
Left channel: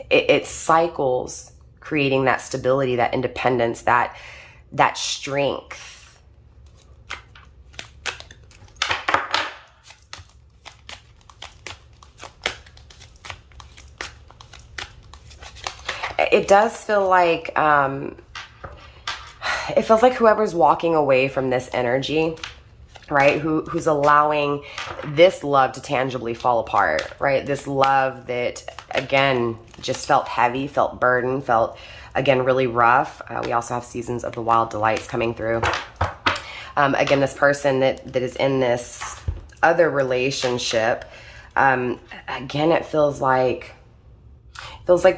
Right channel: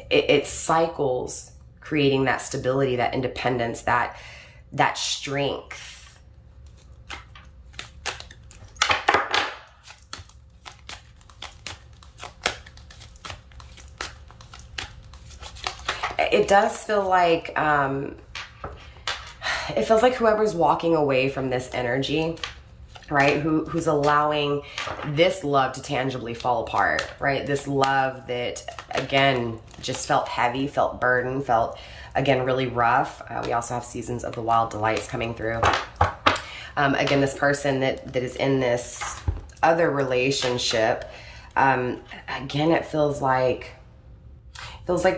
It cycles, creating that stability, that independence, that strength. It does feel like, it feels like whoever's walking away from this energy, right, who's allowing this love to tangibly fall apart, right, this love that, again, just felt heavy, felt burdened, felt, again, really rough. We also have seasons of the wild delights coming through. Again, this person that is in this other relationship, again, it feels like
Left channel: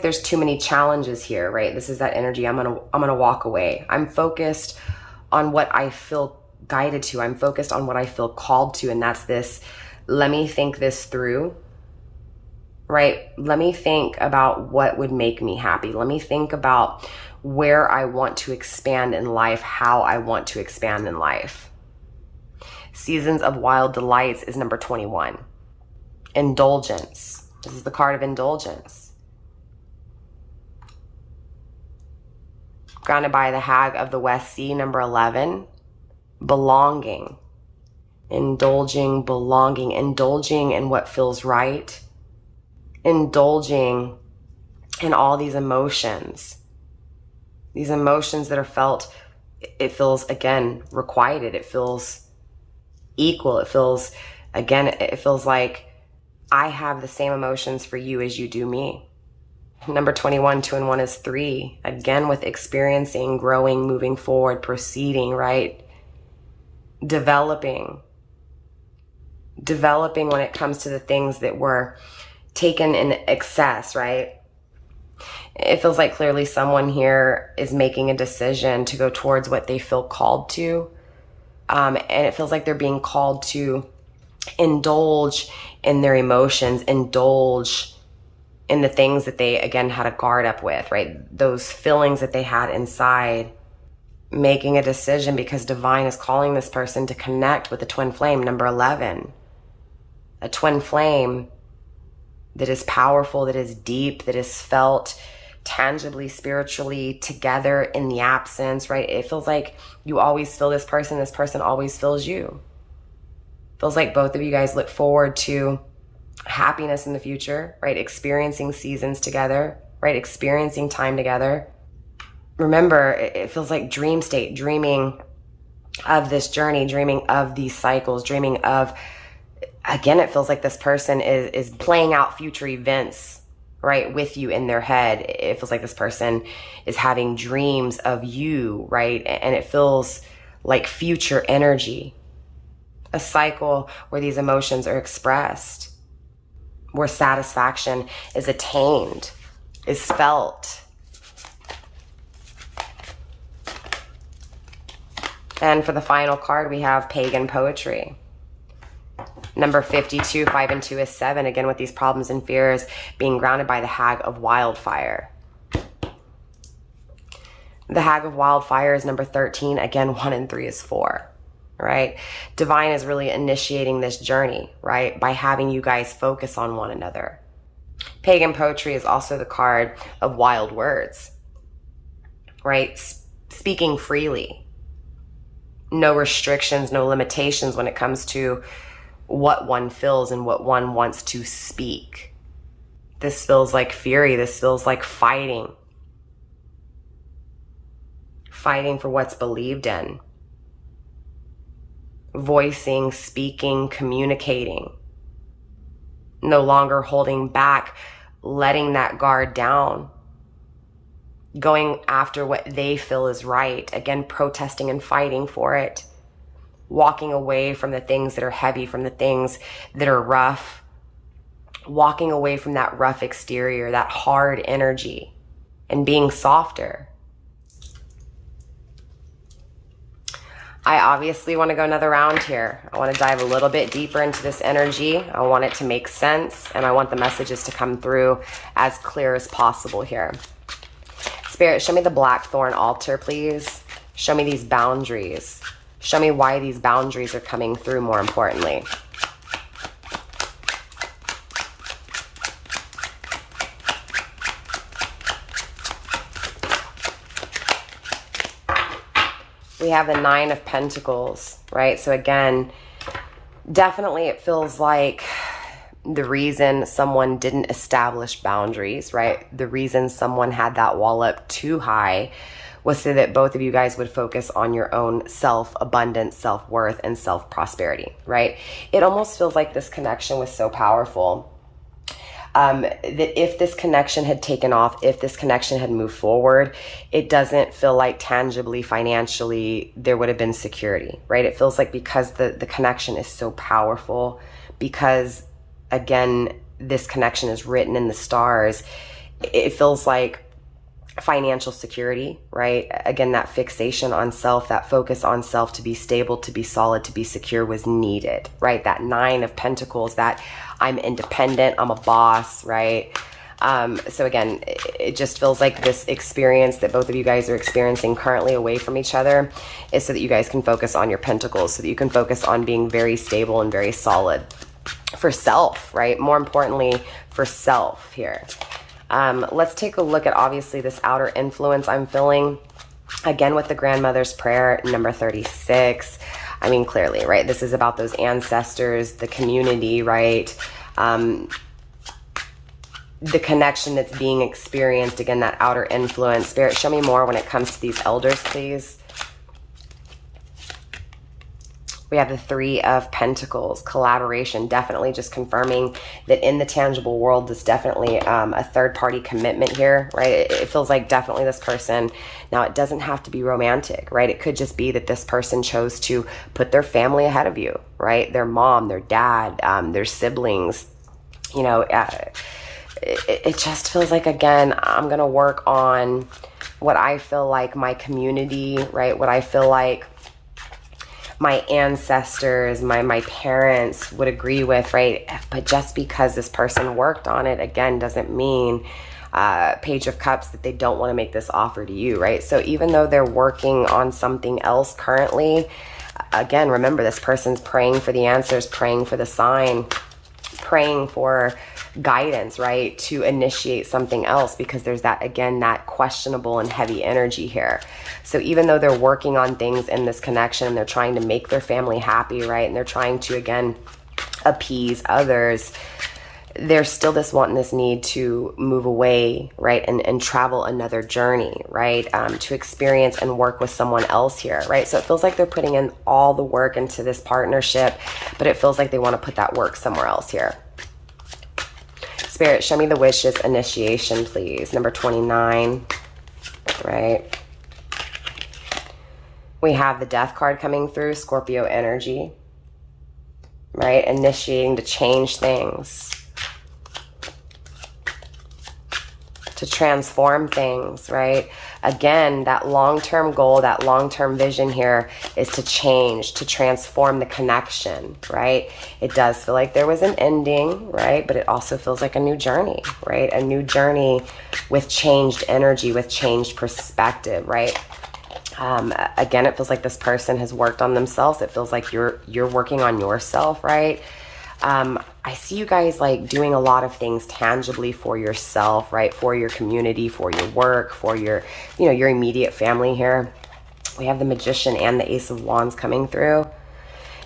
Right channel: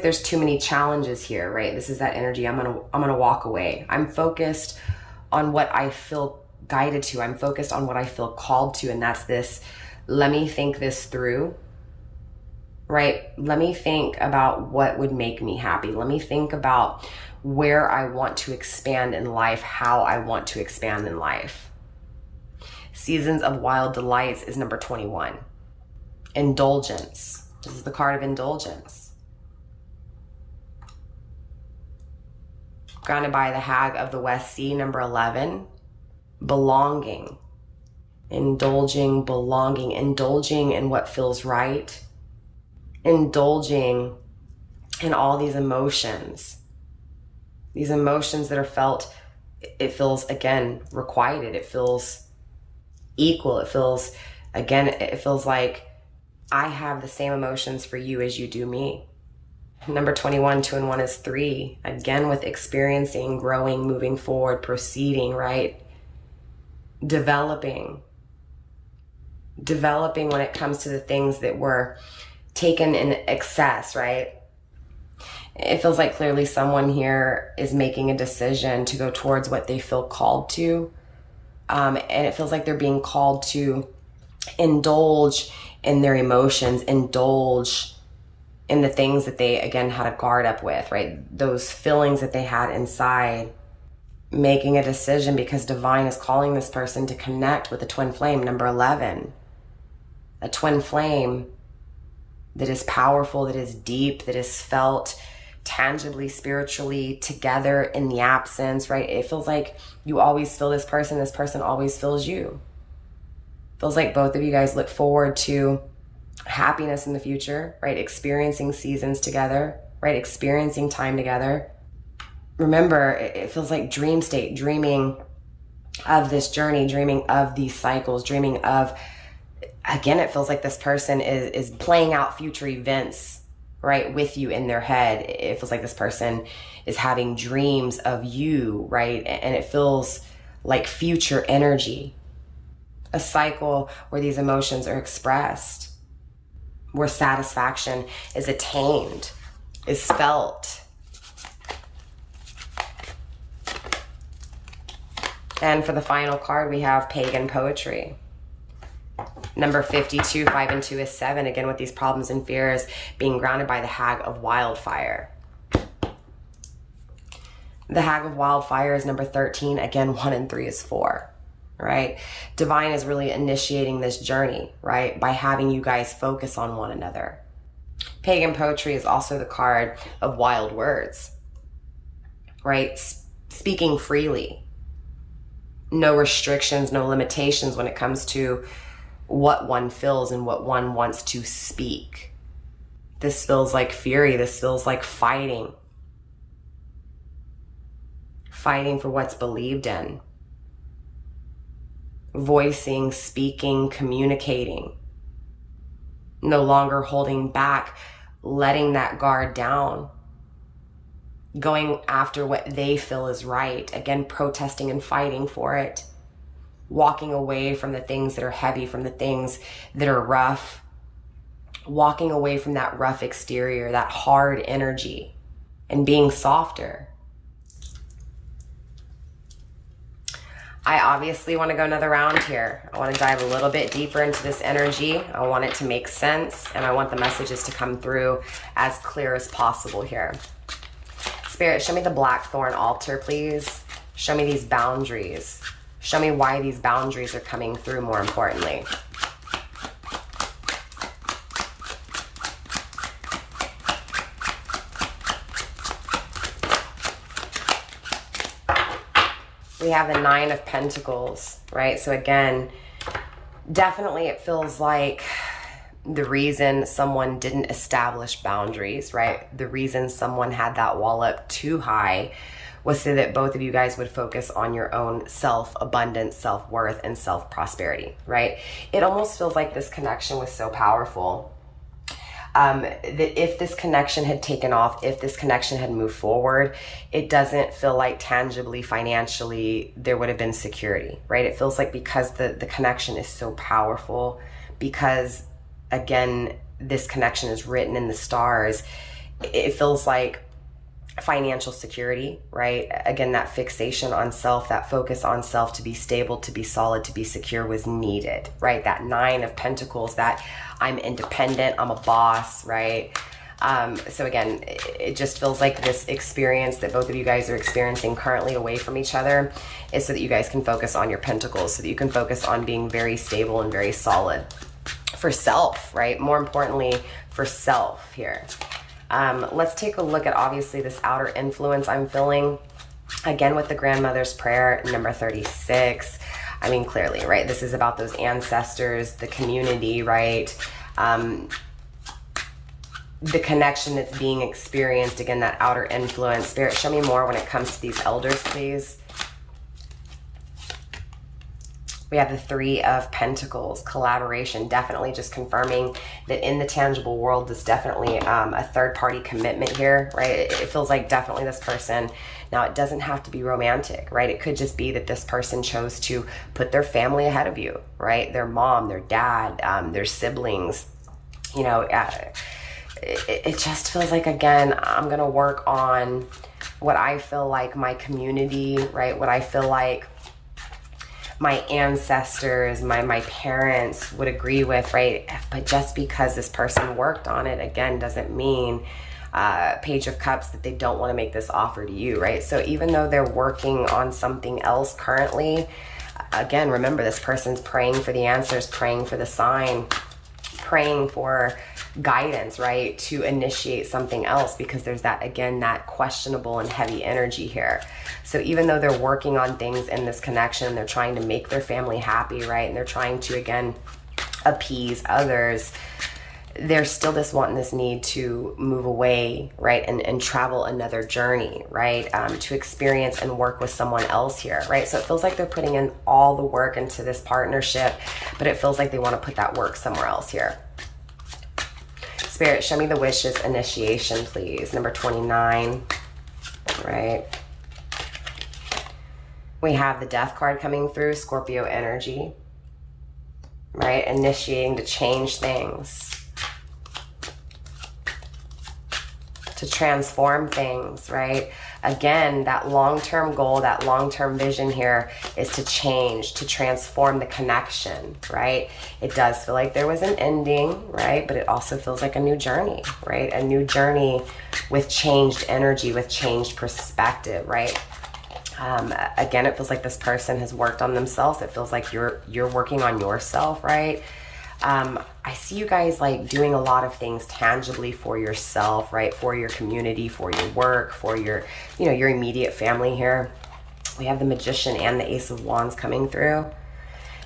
there's too many challenges here, right? This is that energy. I'm gonna walk away. I'm focused on what I feel guided to. I'm focused on what I feel called to, and that's this. Let me think this through, right? Let me think about what would make me happy. Let me think about where I want to expand in life, how I want to expand in life. Seasons of Wild Delights is number 21. Indulgence. This is the card of indulgence. Grounded by the Hag of the West Sea, number 11. Belonging. Indulging, belonging, indulging in what feels right. Indulging in all these emotions. These emotions that are felt, it feels, again, requited. It feels equal. It feels, again, it feels like I have the same emotions for you as you do me. Number 21, 2 and 1 is 3. Again, with experiencing, growing, moving forward, proceeding, right? Developing when it comes to the things that were taken in excess, right? It feels like clearly someone here is making a decision to go towards what they feel called to. And it feels like they're being called to indulge in their emotions, indulge in the things that they, again, had a guard up with, right? Those feelings that they had inside, making a decision because divine is calling this person to connect with the twin flame, number 11. A twin flame that is powerful, that is deep, that is felt tangibly, spiritually together in the absence, right? It feels like you always feel this person always feels you. Feels like both of you guys look forward to happiness in the future, right? Experiencing seasons together, right? Experiencing time together. Remember, it feels like dream state, dreaming of this journey, dreaming of these cycles, dreaming of, again, it feels like this person is playing out future events, right, with you in their head. It feels like this person is having dreams of you, right? And it feels like future energy. A cycle where these emotions are expressed, where satisfaction is attained, is felt. And for the final card, we have Pagan Poetry. Number 52, 5 and 2 is 7. Again, with these problems and fears being grounded by the Hag of Wildfire. The Hag of Wildfire is number 13. Again, 1 and 3 is 4. Right? Divine is really initiating this journey, right? By having you guys focus on one another. Pagan Poetry is also the card of wild words, right? Speaking freely. No restrictions, no limitations when it comes to what one feels and what one wants to speak. This feels like fury. This feels like fighting. Fighting for what's believed in. Voicing, speaking, communicating. No longer holding back, letting that guard down. Going after what they feel is right. Again, protesting and fighting for it. Walking away from the things that are heavy, from the things that are rough. Walking away from that rough exterior, that hard energy, and being softer. I obviously want to go another round here. I want to dive a little bit deeper into this energy. I want it to make sense, and I want the messages to come through as clear as possible here. Spirit, show me the blackthorn altar, please. Show me these boundaries. Show me why these boundaries are coming through, more importantly. We have the Nine of Pentacles, right? So again, definitely it feels like the reason someone didn't establish boundaries, right? The reason someone had that wall up too high was so that both of you guys would focus on your own self-abundance, self-worth, and self-prosperity, right? It almost feels like this connection was so powerful that if this connection had taken off, if this connection had moved forward, it doesn't feel like tangibly, financially, there would have been security, right? It feels like because the connection is so powerful, because again, this connection is written in the stars, it feels like financial security, right? Again, that fixation on self, that focus on self to be stable, to be solid, to be secure was needed, right? That Nine of Pentacles, that I'm independent, I'm a boss, right? So again, it just feels like this experience that both of you guys are experiencing currently away from each other is so that you guys can focus on your pentacles, so that you can focus on being very stable and very solid for self, right? More importantly, for self here. Let's take a look at obviously this outer influence I'm feeling. Again, with the grandmother's prayer, number 36. I mean, clearly, right? This is about those ancestors, the community, right? The connection that's being experienced. Again, that outer influence. Spirit, show me more when it comes to these elders, please. We have the Three of Pentacles, collaboration, definitely just confirming that in the tangible world, there's definitely a third-party commitment here, right? It feels like definitely this person, now it doesn't have to be romantic, right? It could just be that this person chose to put their family ahead of you, right? Their mom, their dad, their siblings, you know, it just feels like, again, I'm going to work on what I feel like my community, right? What I feel like my ancestors, my parents would agree with, right? But just because this person worked on it, again, doesn't mean, Page of Cups, that they don't want to make this offer to you, right? So even though they're working on something else currently, again, remember this person's praying for the answers, praying for the sign, praying for guidance, right? To initiate something else, because there's that, again, that questionable and heavy energy here. So even though they're working on things in this connection, they're trying to make their family happy, right? And they're trying to, again, appease others, there's still this want and this need to move away, right? And travel another journey, right? To experience and work with someone else here, right? So it feels like they're putting in all the work into this partnership, but it feels like they want to put that work somewhere else here. Spirit, show me the wishes initiation, please. Number 29, right? We have the Death card coming through, Scorpio energy, right? Initiating to change things, to transform things, right? Again, that long-term goal, that long-term vision here is to change, to transform the connection, right? It does feel like there was an ending, right? But it also feels like a new journey, right? A new journey with changed energy, with changed perspective, right? Again, it feels like this person has worked on themselves. It feels like you're working on yourself, right? I see you guys like doing a lot of things tangibly for yourself, right? For your community, for your work, for your, you know, your immediate family here. We have the Magician and the Ace of Wands coming through.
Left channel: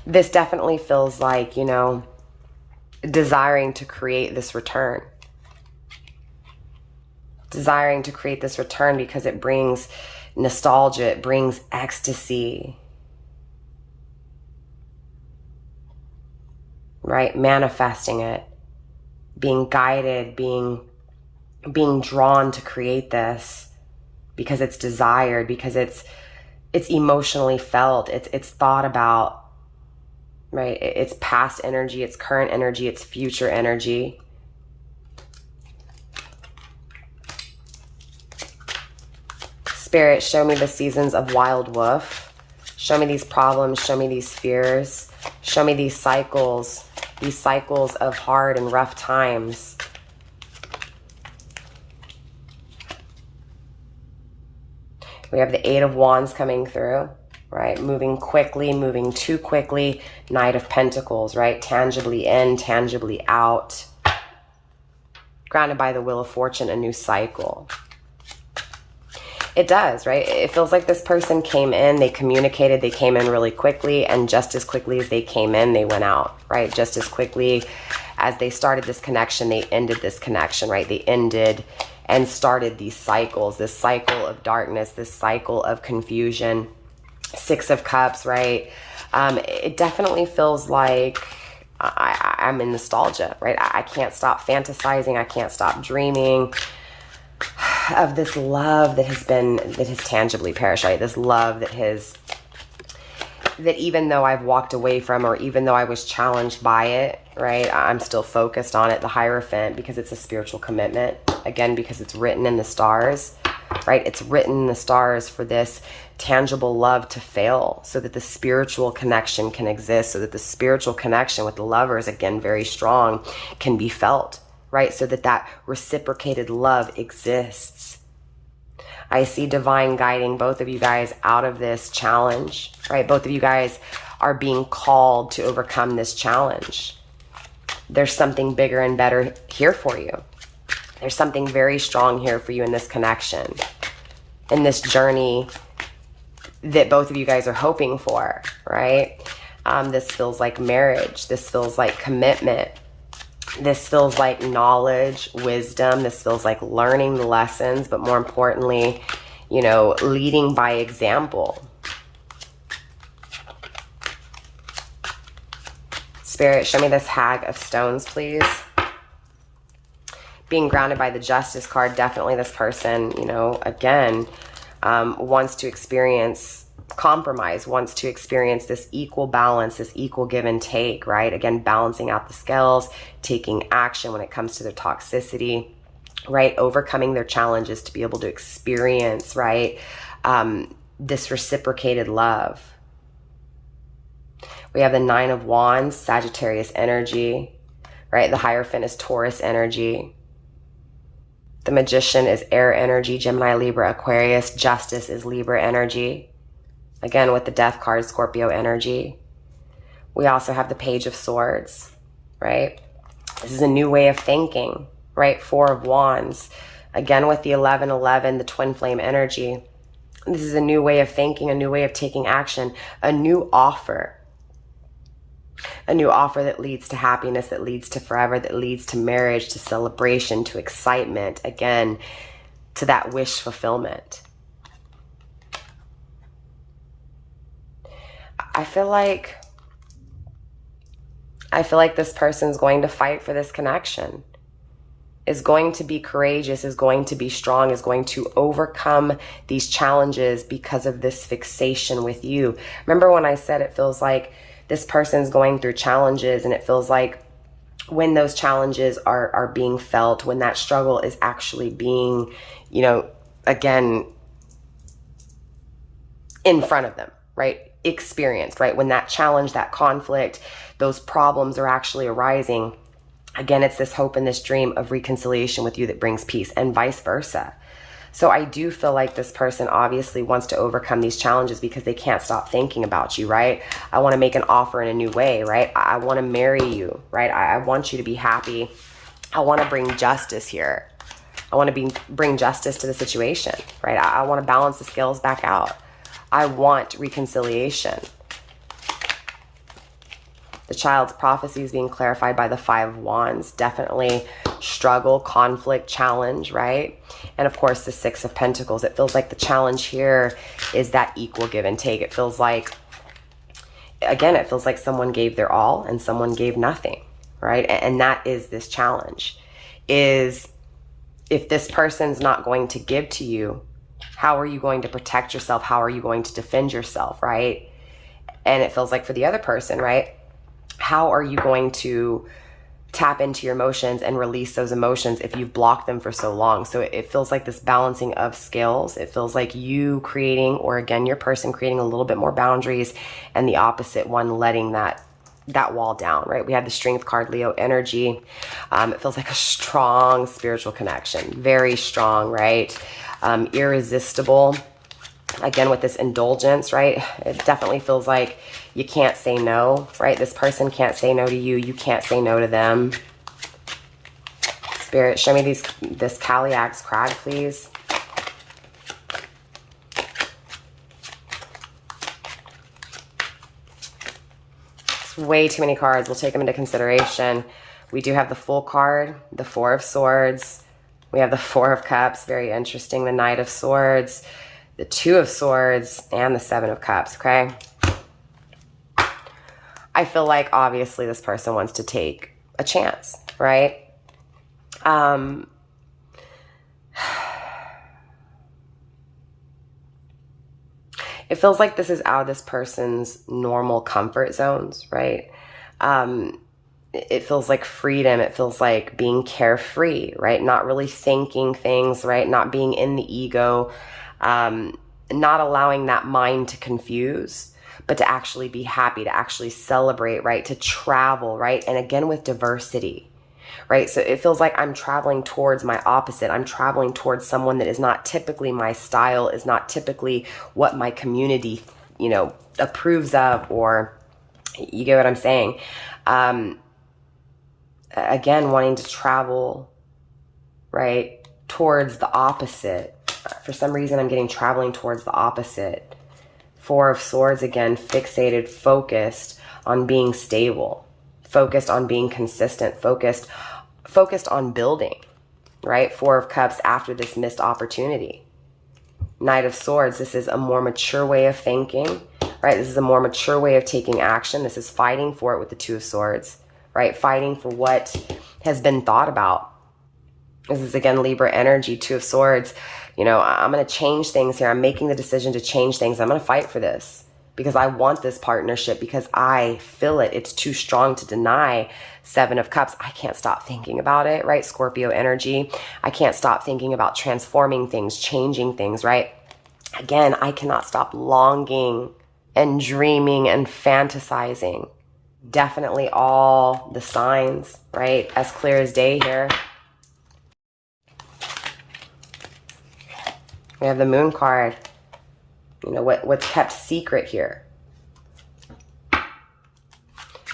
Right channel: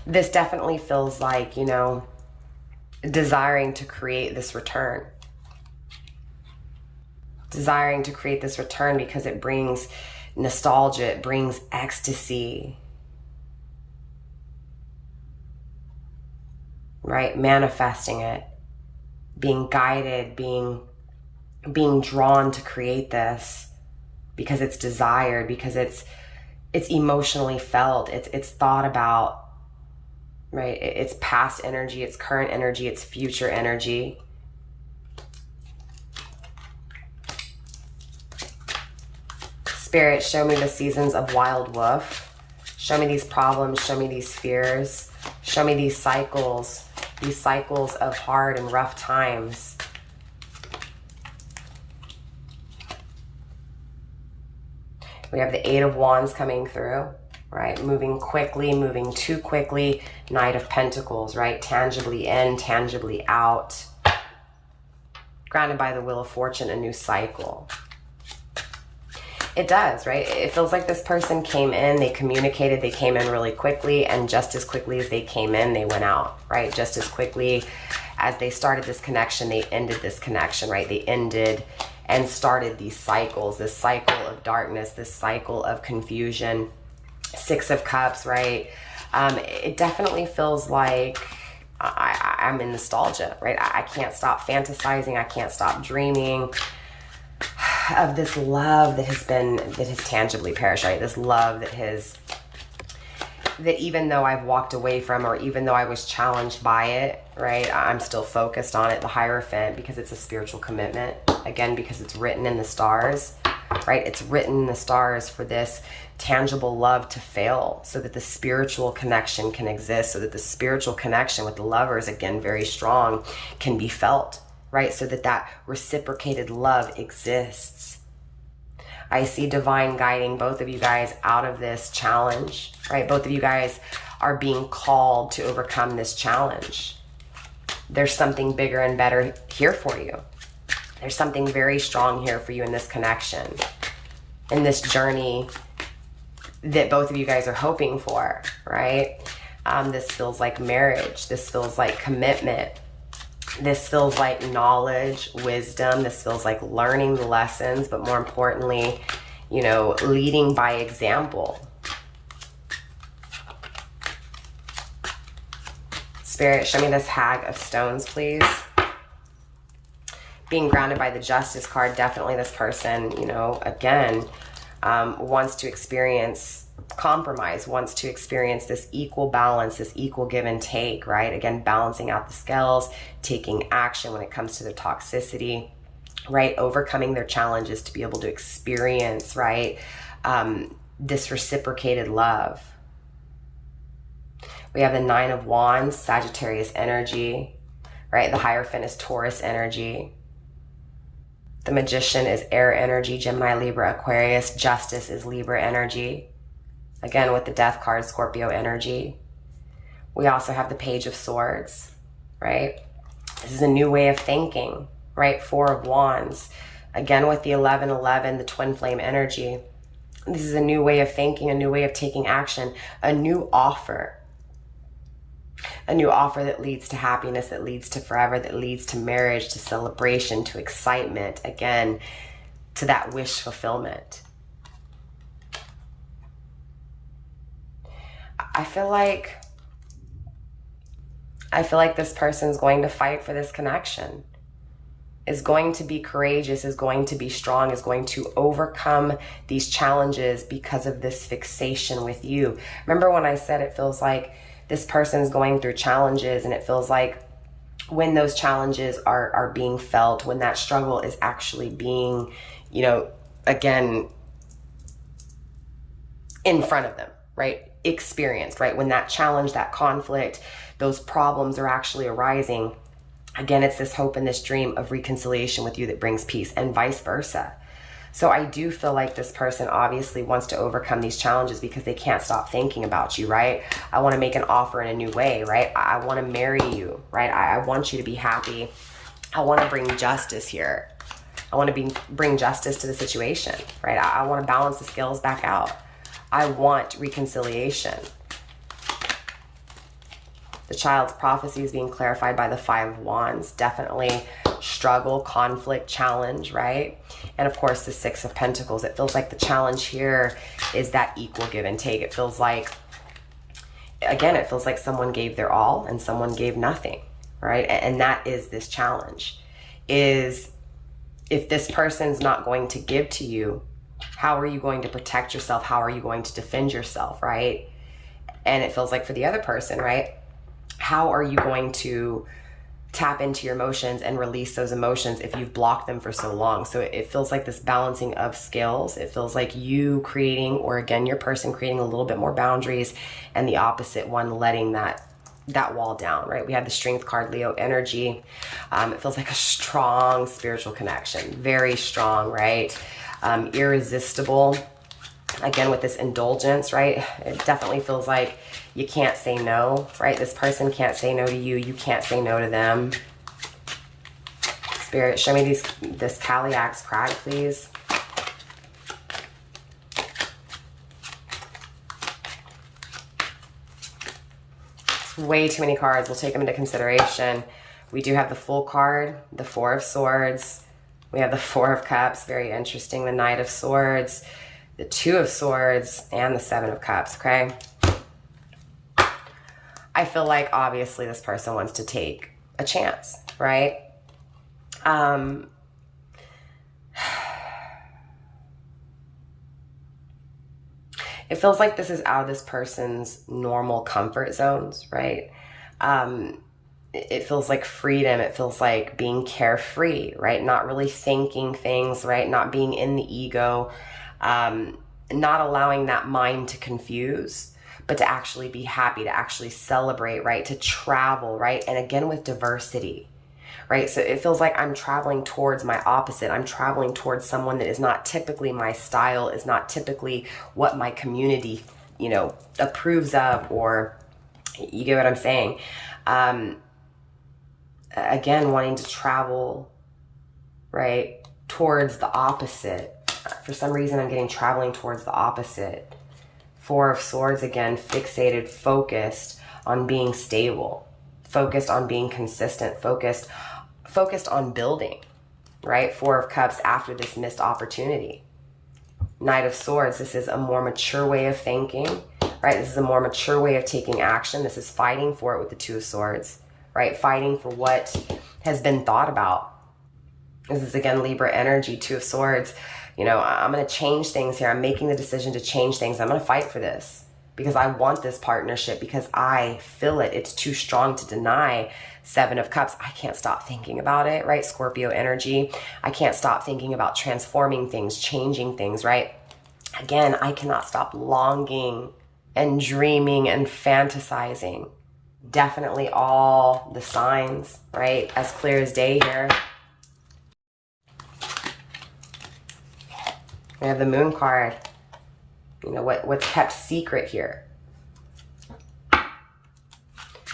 This definitely feels like, you know, desiring to create this return, desiring to create this return because it brings nostalgia, it brings ecstasy, right? Manifesting it, being guided, being drawn to create this because it's desired, because it's emotionally felt, it's thought about, right? It's past energy, it's current energy, it's future energy. Spirit, show me the seasons of wild wolf. Show me these problems, show me these fears, show me these cycles of hard and rough times. We have the Eight of Wands coming through, right? Moving quickly, moving too quickly. Knight of Pentacles, right? Tangibly in, tangibly out. Grounded by the Wheel of Fortune, a new cycle. It does, right? It feels like this person came in, they communicated, they came in really quickly, and just as quickly as they came in, they went out, right? Just as quickly as they started this connection, they ended this connection, right? They ended and started these cycles, this cycle of darkness, this cycle of confusion. Six of Cups, right? It definitely feels like I'm in nostalgia, right? I can't stop fantasizing, I can't stop dreaming of this love that has tangibly perished, right? This love that even though I've walked away from, or even though I was challenged by it, right? I'm still focused on it, the Hierophant, because it's a spiritual commitment. Again, because it's written in the stars, right? It's written in the stars for this tangible love to fail so that the spiritual connection can exist, so that the spiritual connection with the lovers, again, very strong, can be felt, right? So that reciprocated love exists. I see divine guiding both of you guys out of this challenge, right? Both of you guys are being called to overcome this challenge. There's something bigger and better here for you. There's something very strong here for you in this connection, in this journey that both of you guys are hoping for, right? This feels like marriage. This feels like commitment. This feels like knowledge, wisdom. This feels like learning the lessons, but more importantly, you know, leading by example. Spirit, show me this Hag of Stones, please. Being grounded by the Justice card, definitely this person, you know, again, wants to experience compromise, wants to experience this equal balance, this equal give and take, right? Again, balancing out the scales, taking action when it comes to their toxicity, right? Overcoming their challenges to be able to experience, right? This reciprocated love. We have the Nine of Wands, Sagittarius energy, right? The Hierophant is Taurus energy. The Magician is air energy, Gemini, Libra, Aquarius. Justice is Libra energy. Again, with the Death card, Scorpio energy. We also have the Page of Swords, right? This is a new way of thinking, right? Four of Wands. Again, with the 1111, the twin flame energy. This is a new way of thinking, a new way of taking action, a new offer. A new offer that leads to happiness, that leads to forever, that leads to marriage, to celebration, to excitement, again, to that wish fulfillment. I feel like this person's going to fight for this connection, is going to be courageous, is going to be strong, is going to overcome these challenges because of this fixation with you. Remember when I said it feels like this person's going through challenges, and it feels like when those challenges are being felt, when that struggle is actually being, you know, again, in front of them, right? Experienced, right? When that challenge, that conflict, those problems are actually arising. Again, it's this hope and this dream of reconciliation with you that brings peace, and vice versa. So I do feel like this person obviously wants to overcome these challenges because they can't stop thinking about you, right? I want to make an offer in a new way, right? I want to marry you, right? I want you to be happy. I want to bring justice here. I want to bring justice to the situation, right? I want to balance the scales back out. I want reconciliation. The Child's prophecy is being clarified by the Five of Wands. Definitely struggle, conflict, challenge, right? And of course, the Six of Pentacles. It feels like the challenge here is that equal give and take. It feels like, again, it feels like someone gave their all and someone gave nothing, right? And that is this challenge, is if this person's not going to give to you, how are you going to protect yourself? How are you going to defend yourself, right? And it feels like for the other person, right? How are you going to tap into your emotions and release those emotions if you've blocked them for so long? So it feels like this balancing of scales. It feels like you creating, or again, your person creating a little bit more boundaries, and the opposite one letting that wall down, right? We had the Strength card, Leo energy. It feels like a strong spiritual connection, very strong, right? Irresistible. Again, with this indulgence, right? It definitely feels like you can't say no, right? This person can't say no to you. You can't say no to them. Spirit, show me this Calyax crag, please. It's way too many cards. We'll take them into consideration. We do have the Fool card, the Four of Swords. We have the Four of Cups, very interesting. The Knight of Swords, the Two of Swords, and the Seven of Cups, okay? I feel like obviously this person wants to take a chance, right? It feels like this is out of this person's normal comfort zones, right? It feels like freedom. It feels like being carefree, right? Not really thinking things, right? Not being in the ego, not allowing that mind to confuse, but to actually be happy, to actually celebrate, right? To travel, right? And again, with diversity, right? So it feels like I'm traveling towards my opposite. I'm traveling towards someone that is not typically my style, is not typically what my community, you know, approves of, or you get what I'm saying? Again, wanting to travel, right, towards the opposite. For some reason, I'm getting traveling towards the opposite. Four of Swords, again, fixated, focused on being stable, focused on being consistent, focused on building, right? Four of Cups after this missed opportunity. Knight of Swords, this is a more mature way of thinking, right? This is a more mature way of taking action. This is fighting for it with the Two of Swords, right? Fighting for what has been thought about. This is, again, Libra energy, Two of Swords. You know, I'm going to change things here. I'm making the decision to change things. I'm going to fight for this because I want this partnership, because I feel it. It's too strong to deny. Seven of Cups. I can't stop thinking about it, right? Scorpio energy. I can't stop thinking about transforming things, changing things, right? Again, I cannot stop longing and dreaming and fantasizing. Definitely all the signs, right? As clear as day here. We have the Moon card. You know, what's kept secret here?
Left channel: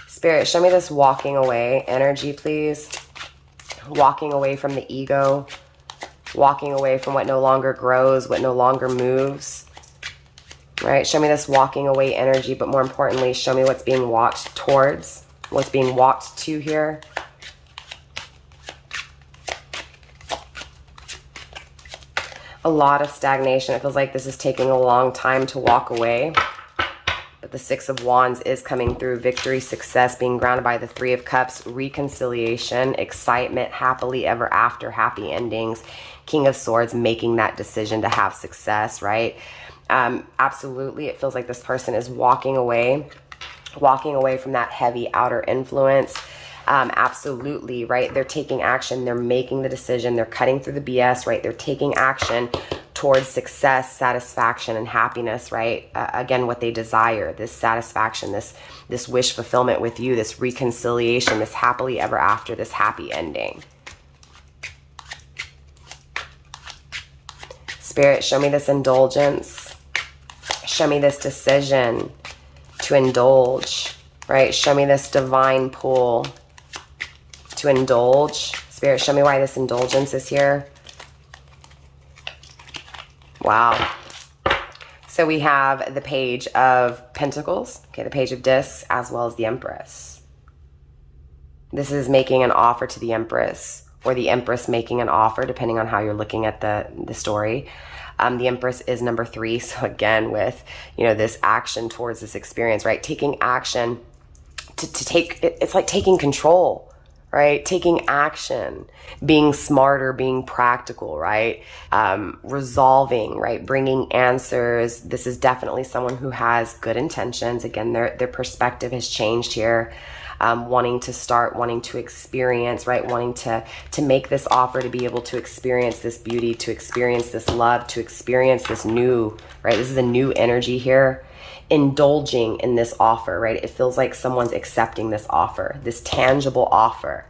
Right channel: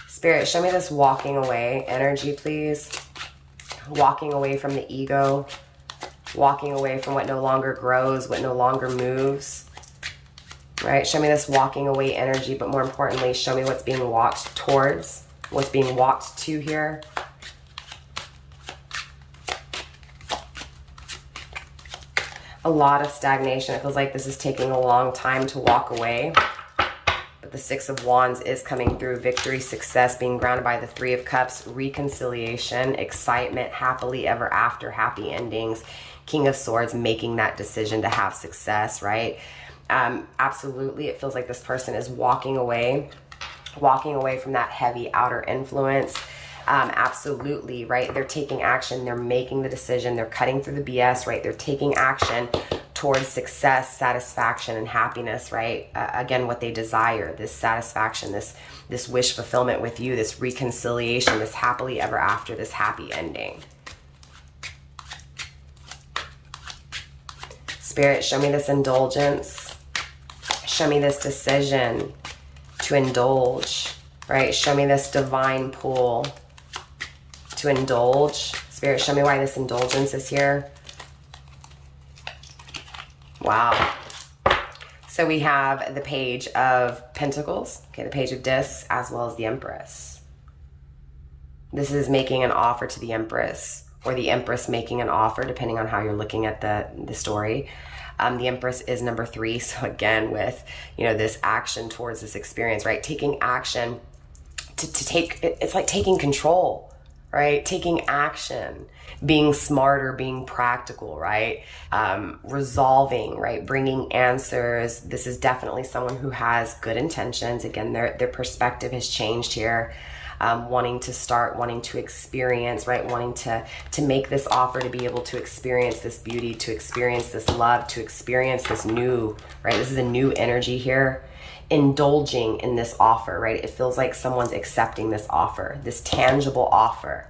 Spirit, show me this walking away energy, please. Walking away from the ego. Walking away from what no longer grows, what no longer moves. Right? Show me this walking away energy, but more importantly, show me what's being walked towards, what's being walked to here. A lot of stagnation. It feels like this is taking a long time to walk away. But the Six of Wands is coming through. Victory, success, being grounded by the Three of Cups, reconciliation, excitement, happily ever after, happy endings. King of Swords, making that decision to have success, right? Absolutely. It feels like this person is walking away from that heavy outer influence. Absolutely, right? They're taking action. They're making the decision. They're cutting through the BS, right? They're taking action towards success, satisfaction, and happiness, right? Again, what they desire, this satisfaction, this wish fulfillment with you, this reconciliation, this happily ever after, this happy ending. Spirit, show me this indulgence. Show me this decision to indulge, right? Show me this divine pull to indulge. Spirit, show me why this indulgence is here. Wow. So we have the Page of Pentacles, okay, the Page of Discs, as well as the Empress. This is making an offer to the Empress, or the Empress making an offer, depending on how you're looking at the story. The Empress is number 3. So again, with, you know, this action towards this experience, right? Taking action to take, it's like taking control, right? Taking action, being smarter, being practical, right? Resolving, right? Bringing answers. This is definitely someone who has good intentions. Again, their perspective has changed here. Wanting to start, wanting to experience, right? Wanting to make this offer, to be able to experience this beauty, to experience this love, to experience this new, right? This is a new energy here. Indulging in this offer, right? It feels like someone's accepting this offer, this tangible offer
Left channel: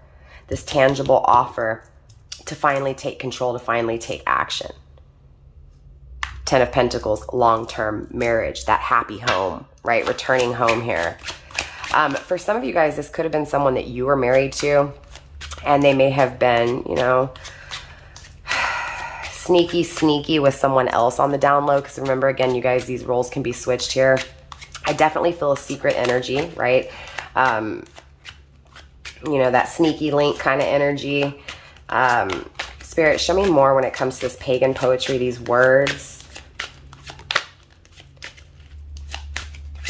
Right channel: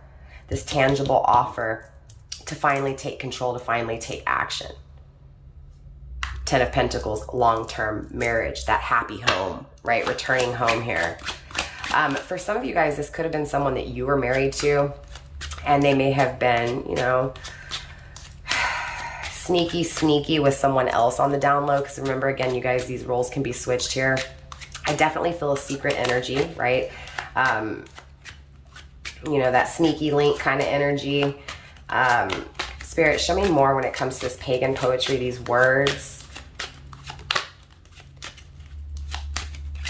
to finally take control, to finally take action. 10 of Pentacles, long-term marriage, that happy home, right? Returning home here. For some of you guys, this could have been someone that you were married to, and they may have been, you know, sneaky with someone else on the down low. Because remember, again, you guys, these roles can be switched here. I definitely feel a secret energy, right? You know, that sneaky link kind of energy. Spirit, show me more when it comes to this pagan poetry, these words.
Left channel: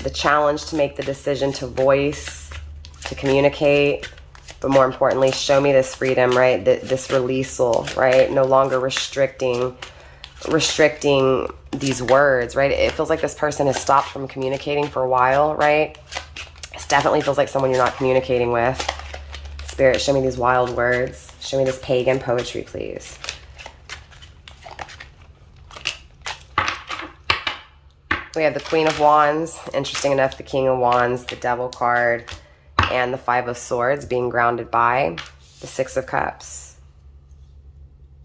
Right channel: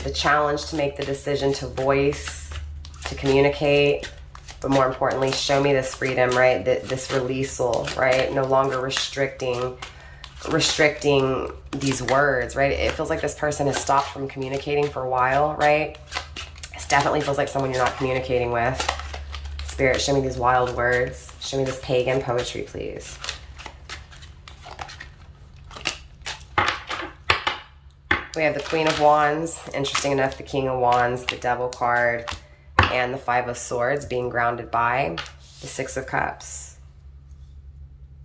The challenge to make the decision to voice, to communicate, but more importantly, show me this freedom, right? This releasal, right? No longer restricting these words, right? It feels like this person has stopped from communicating for a while, right? It definitely feels like someone you're not communicating with. Spirit, show me these wild words. Show me this pagan poetry, please. We have the Queen of Wands, interesting enough, the King of Wands, the Devil card, and the 5 of Swords being grounded by the 6 of Cups.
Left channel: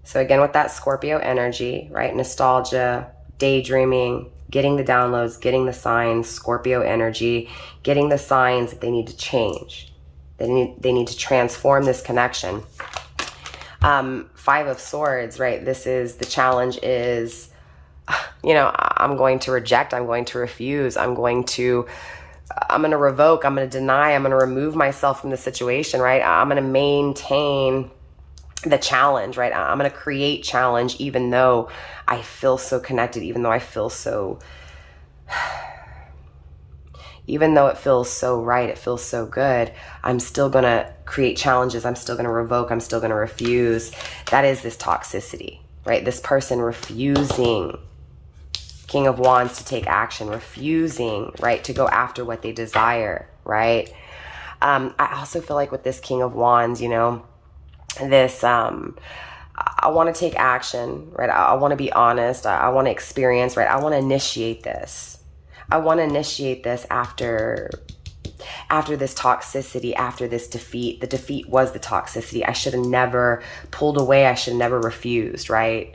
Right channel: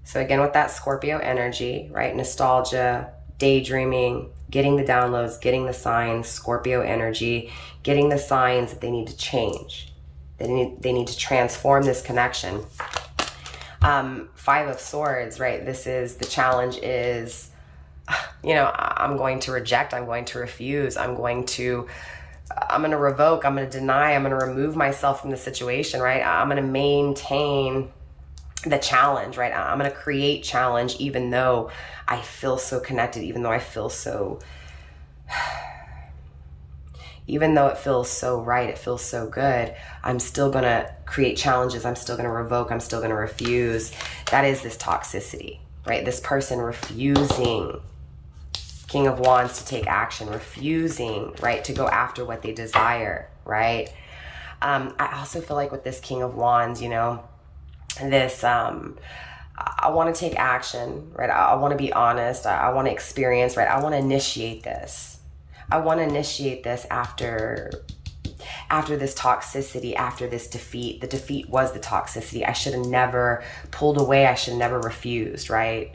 So again, with that Scorpio energy, right? Nostalgia, daydreaming, getting the downloads, getting the signs, Scorpio energy, getting the signs that they need to change. They need to transform this connection. 5 of Swords, right? This is, the challenge is, you know, I'm going to reject, I'm going to refuse, I'm going to revoke, I'm going to deny, I'm going to remove myself from the situation, right? I'm going to maintain the challenge, right? I'm going to create challenge even though I feel so connected, even though I feel so, even though it feels so right, it feels so good, I'm still going to create challenges, I'm still going to revoke, I'm still going to refuse. That is this toxicity, right? This person refusing, King of Wands, to take action, refusing, right, to go after what they desire, right? I also feel like with this King of Wands, you know, this, I want to take action, right? I want to be honest. I want to experience, right? I want to initiate this. I want to initiate this after this toxicity, after this defeat. The defeat was the toxicity. I should have never pulled away. I should have never refused, right?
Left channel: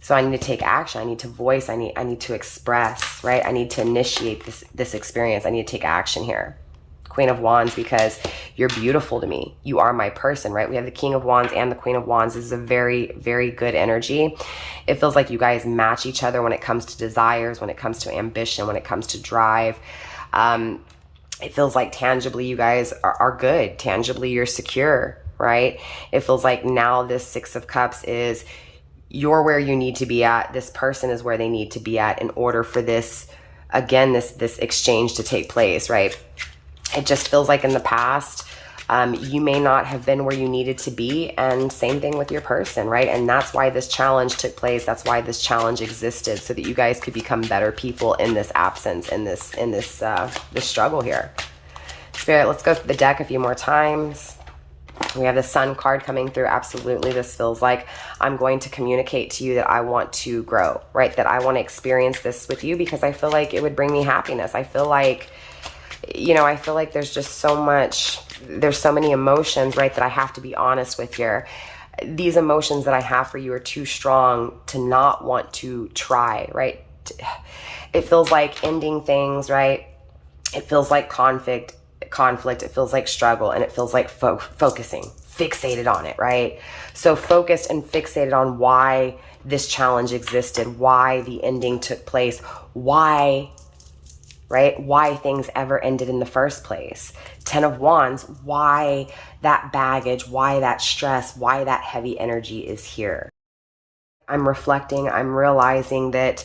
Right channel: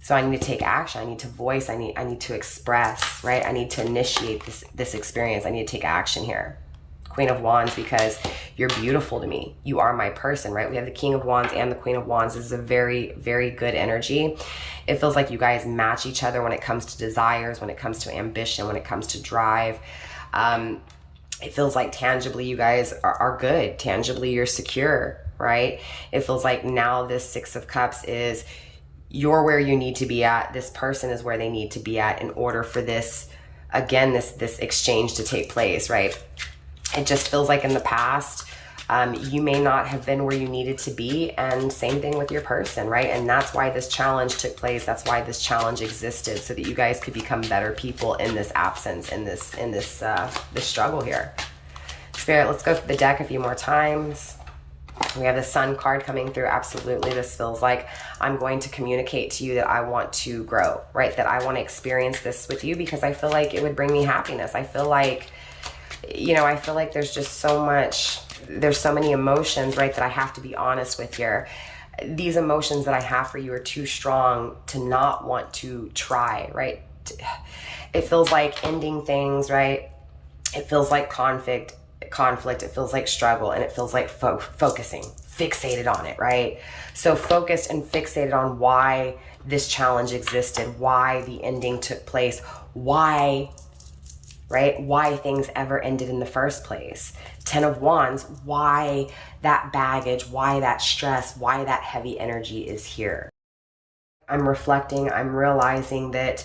So I need to take action. I need to voice. I need to express, right? I need to initiate this experience. I need to take action here. Queen of Wands, because you're beautiful to me. You are my person, right? We have the King of Wands and the Queen of Wands. This is a very, very good energy. It feels like you guys match each other when it comes to desires, when it comes to ambition, when it comes to drive. It feels like tangibly you guys are good. Tangibly you're secure, right? It feels like now this 6 of Cups is, you're where you need to be at. This person is where they need to be at in order for this, again, this exchange to take place, right? It just feels like in the past, you may not have been where you needed to be, and same thing with your person, right? And that's why this challenge took place. That's why this challenge existed, so that you guys could become better people in this absence, in this struggle here. Spirit, let's go through the deck a few more times. We have the Sun card coming through. Absolutely, this feels like I'm going to communicate to you that I want to grow, right? That I want to experience this with you because I feel like it would bring me happiness. I feel like, you know, I feel like there's just so much, there's so many emotions, right, that I have to be honest with here. These emotions that I have for you are too strong to not want to try, right? It feels like ending things, right? It feels like conflict, it feels like struggle, and it feels like focusing, fixated on it, right? So focused and fixated on why this challenge existed, why the ending took place, why, right? Why things ever ended in the first place. Ten of Wands, why that baggage, why that stress, why that heavy energy is here. I'm reflecting, I'm realizing that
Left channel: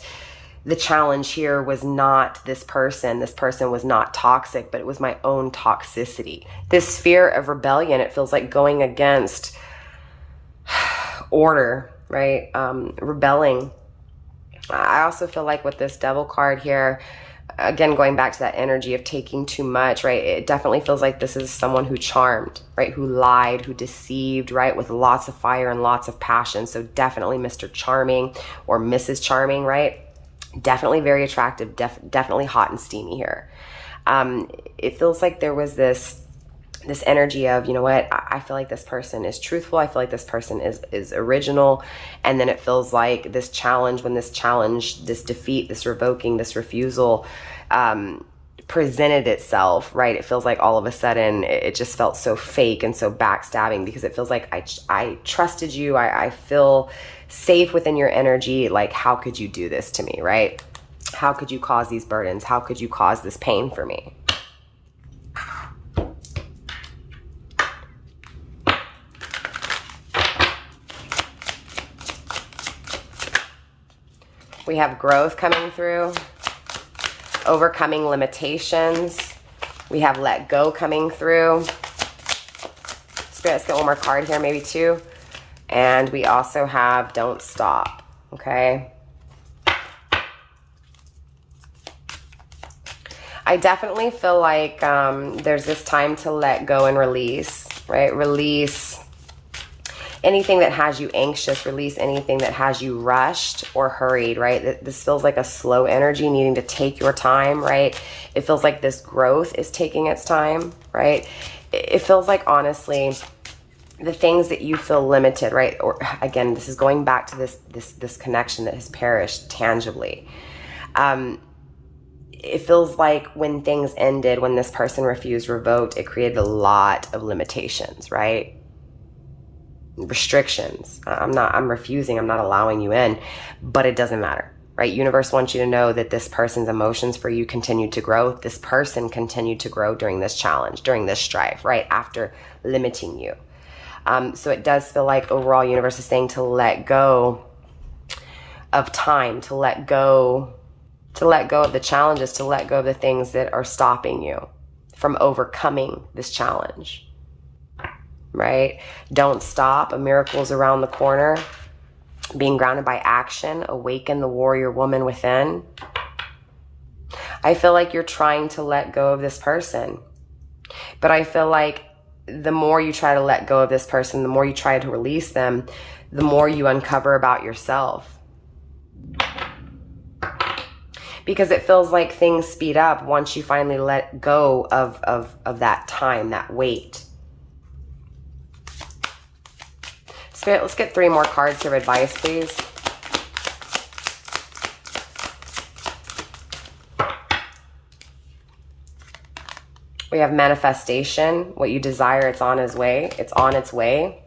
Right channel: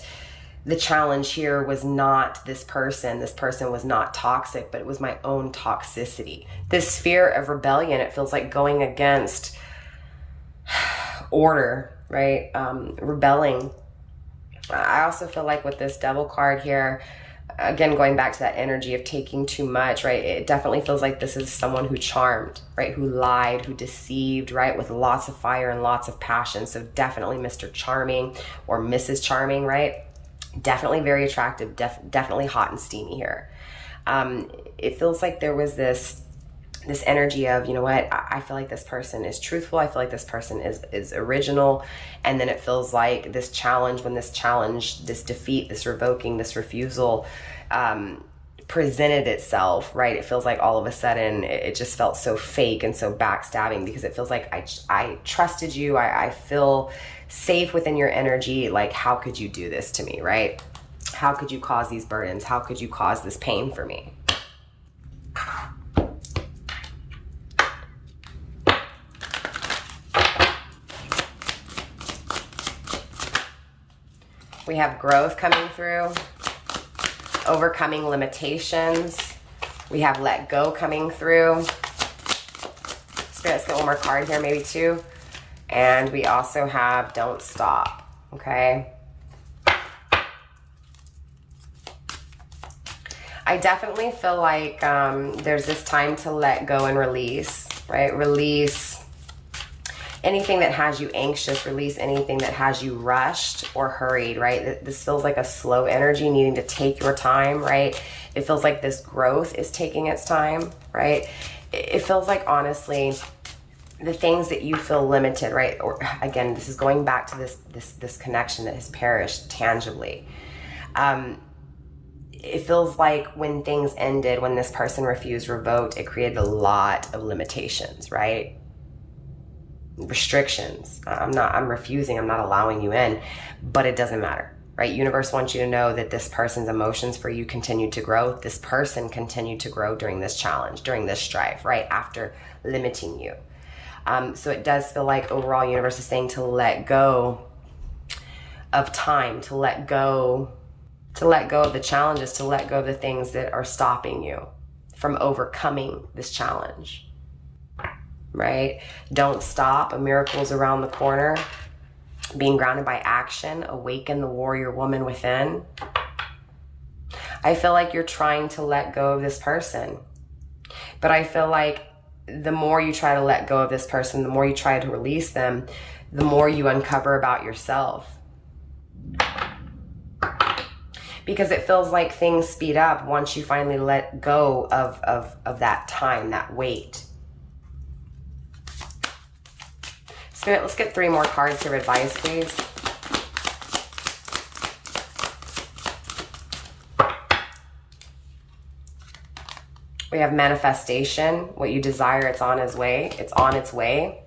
the challenge here was not this person. This person was not toxic, but it was my own toxicity. This fear of rebellion, it feels like going against order, right? Rebelling. I also feel like with this Devil card here, again, going back to that energy of taking too much, right? It definitely feels like this is someone who charmed, right? Who lied, who deceived, right? With lots of fire and lots of passion. So definitely Mr. Charming or Mrs. Charming, right? Definitely very attractive, definitely hot and steamy here. It feels like there was this energy of, you know what, I feel like this person is truthful. I feel like this person is original. And then it feels like this challenge, when this challenge, this defeat, this revoking, this refusal presented itself, right? It feels like all of a sudden it just felt so fake and so backstabbing, because it feels like I trusted you. I feel safe within your energy. Like, how could you do this to me, right? How could you cause these burdens? How could you cause this pain for me? We have growth coming through, overcoming limitations. We have let go coming through. Let's get one more card here, maybe two. And we also have don't stop, okay? I definitely feel like there's this time to let go and release, right? Release anything that has you anxious, release anything that has you rushed or hurried, right? This feels like a slow energy needing to take your time, right? It feels like this growth is taking its time, right? It feels like, honestly, the things that you feel limited, right? Or again, this is going back to this connection that has perished tangibly. It feels like when things ended, when this person refused, revoked, it created a lot of limitations, right? Restrictions. I'm refusing, I'm not allowing you in, but it doesn't matter, right? Universe wants you to know that this person's emotions for you continued to grow. This person continued to grow during this challenge, during this strife, right? After limiting you. So it does feel like overall universe is saying to let go of time, to let go of the challenges, to let go of the things that are stopping you from overcoming this challenge. Right? Don't stop. A miracle is around the corner. Being grounded by action. Awaken the warrior woman within. I feel like you're trying to let go of this person. But I feel like the more you try to let go of this person, the more you try to release them, the more you uncover about yourself. Because it feels like things speed up once you finally let go of that time, that weight. Spirit, let's get 3 more cards here. Advice, please. We have manifestation. What you desire, it's on its way. It's on its way.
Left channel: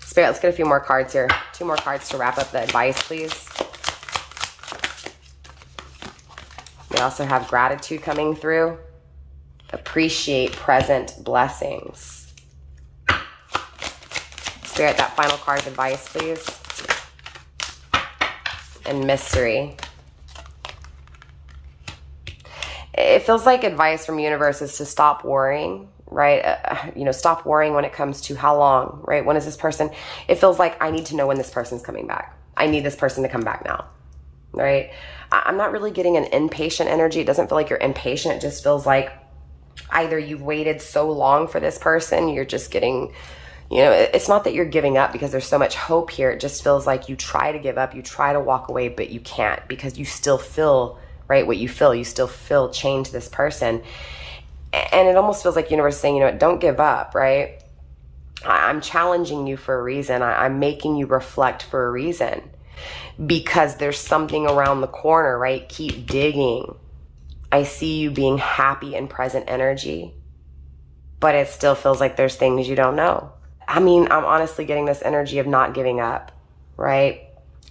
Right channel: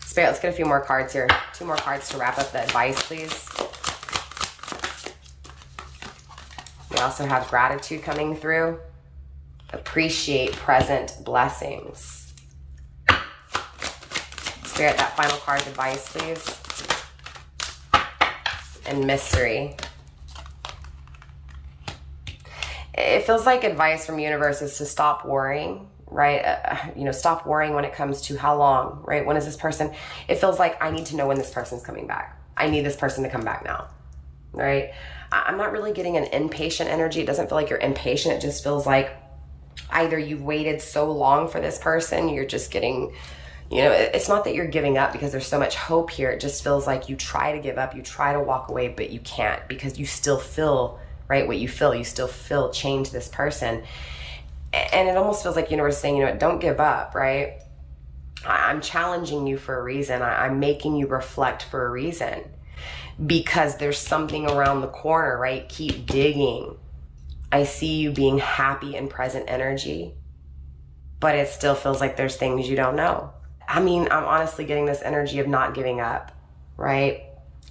Spirit, let's get a few more cards here. 2 more cards to wrap up the advice, please. We also have gratitude coming through. Appreciate present blessings. Spirit, that final card of advice, please. And mystery. It feels like advice from universe is to stop worrying, right? Stop worrying when it comes to how long, right? When is this person? It feels like I need to know when this person's coming back. I need this person to come back now, right? I'm not really getting an impatient energy. It doesn't feel like you're impatient. It just feels like either you've waited so long for this person, you're just getting, it's not that you're giving up because there's so much hope here. It just feels like you try to give up, you try to walk away, but you can't because you still feel, right, what you feel. You still feel chained to this person. And it almost feels like universe saying, don't give up, right? I'm challenging you for a reason. I'm making you reflect for a reason. Because there's something around the corner, right? Keep digging. I see you being happy and present energy, but it still feels like there's things you don't know. I'm honestly getting this energy of not giving up, right?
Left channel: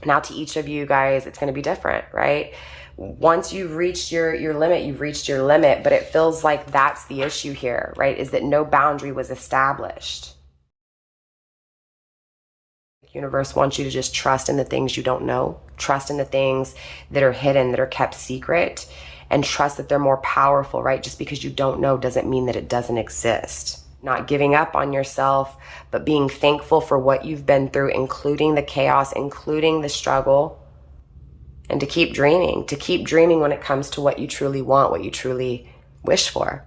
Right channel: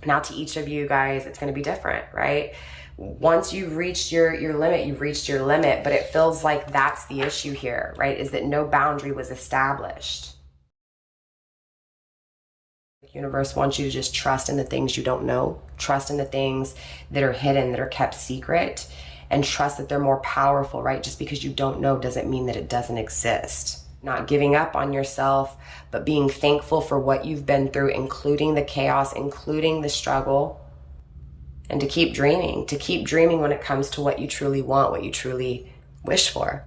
Now to each of you guys, it's going to be different, right? once you've reached your limit, you've reached your limit. But it feels like that's the issue here, right? Is that no boundary was established. The universe wants you to just trust in the things you don't know, trust in the things that are hidden, that are kept secret, and trust that they're more powerful, right? Just because you don't know doesn't mean that it doesn't exist. Not giving up on yourself, but being thankful for what you've been through, including the chaos, including the struggle, and to keep dreaming when it comes to what you truly want, what you truly wish for.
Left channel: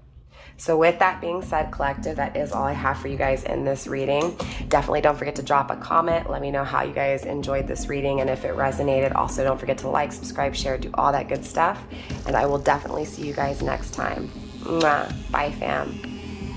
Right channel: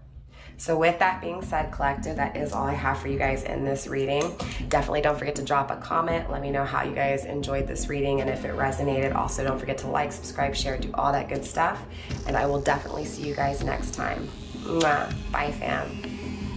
So with that being said, collective, that is all I have for you guys in this reading. Definitely don't forget to drop a comment. Let me know how you guys enjoyed this reading and if it resonated. Also, don't forget to like, subscribe, share, do all that good stuff. And I will definitely see you guys next time. Mwah. Bye, fam.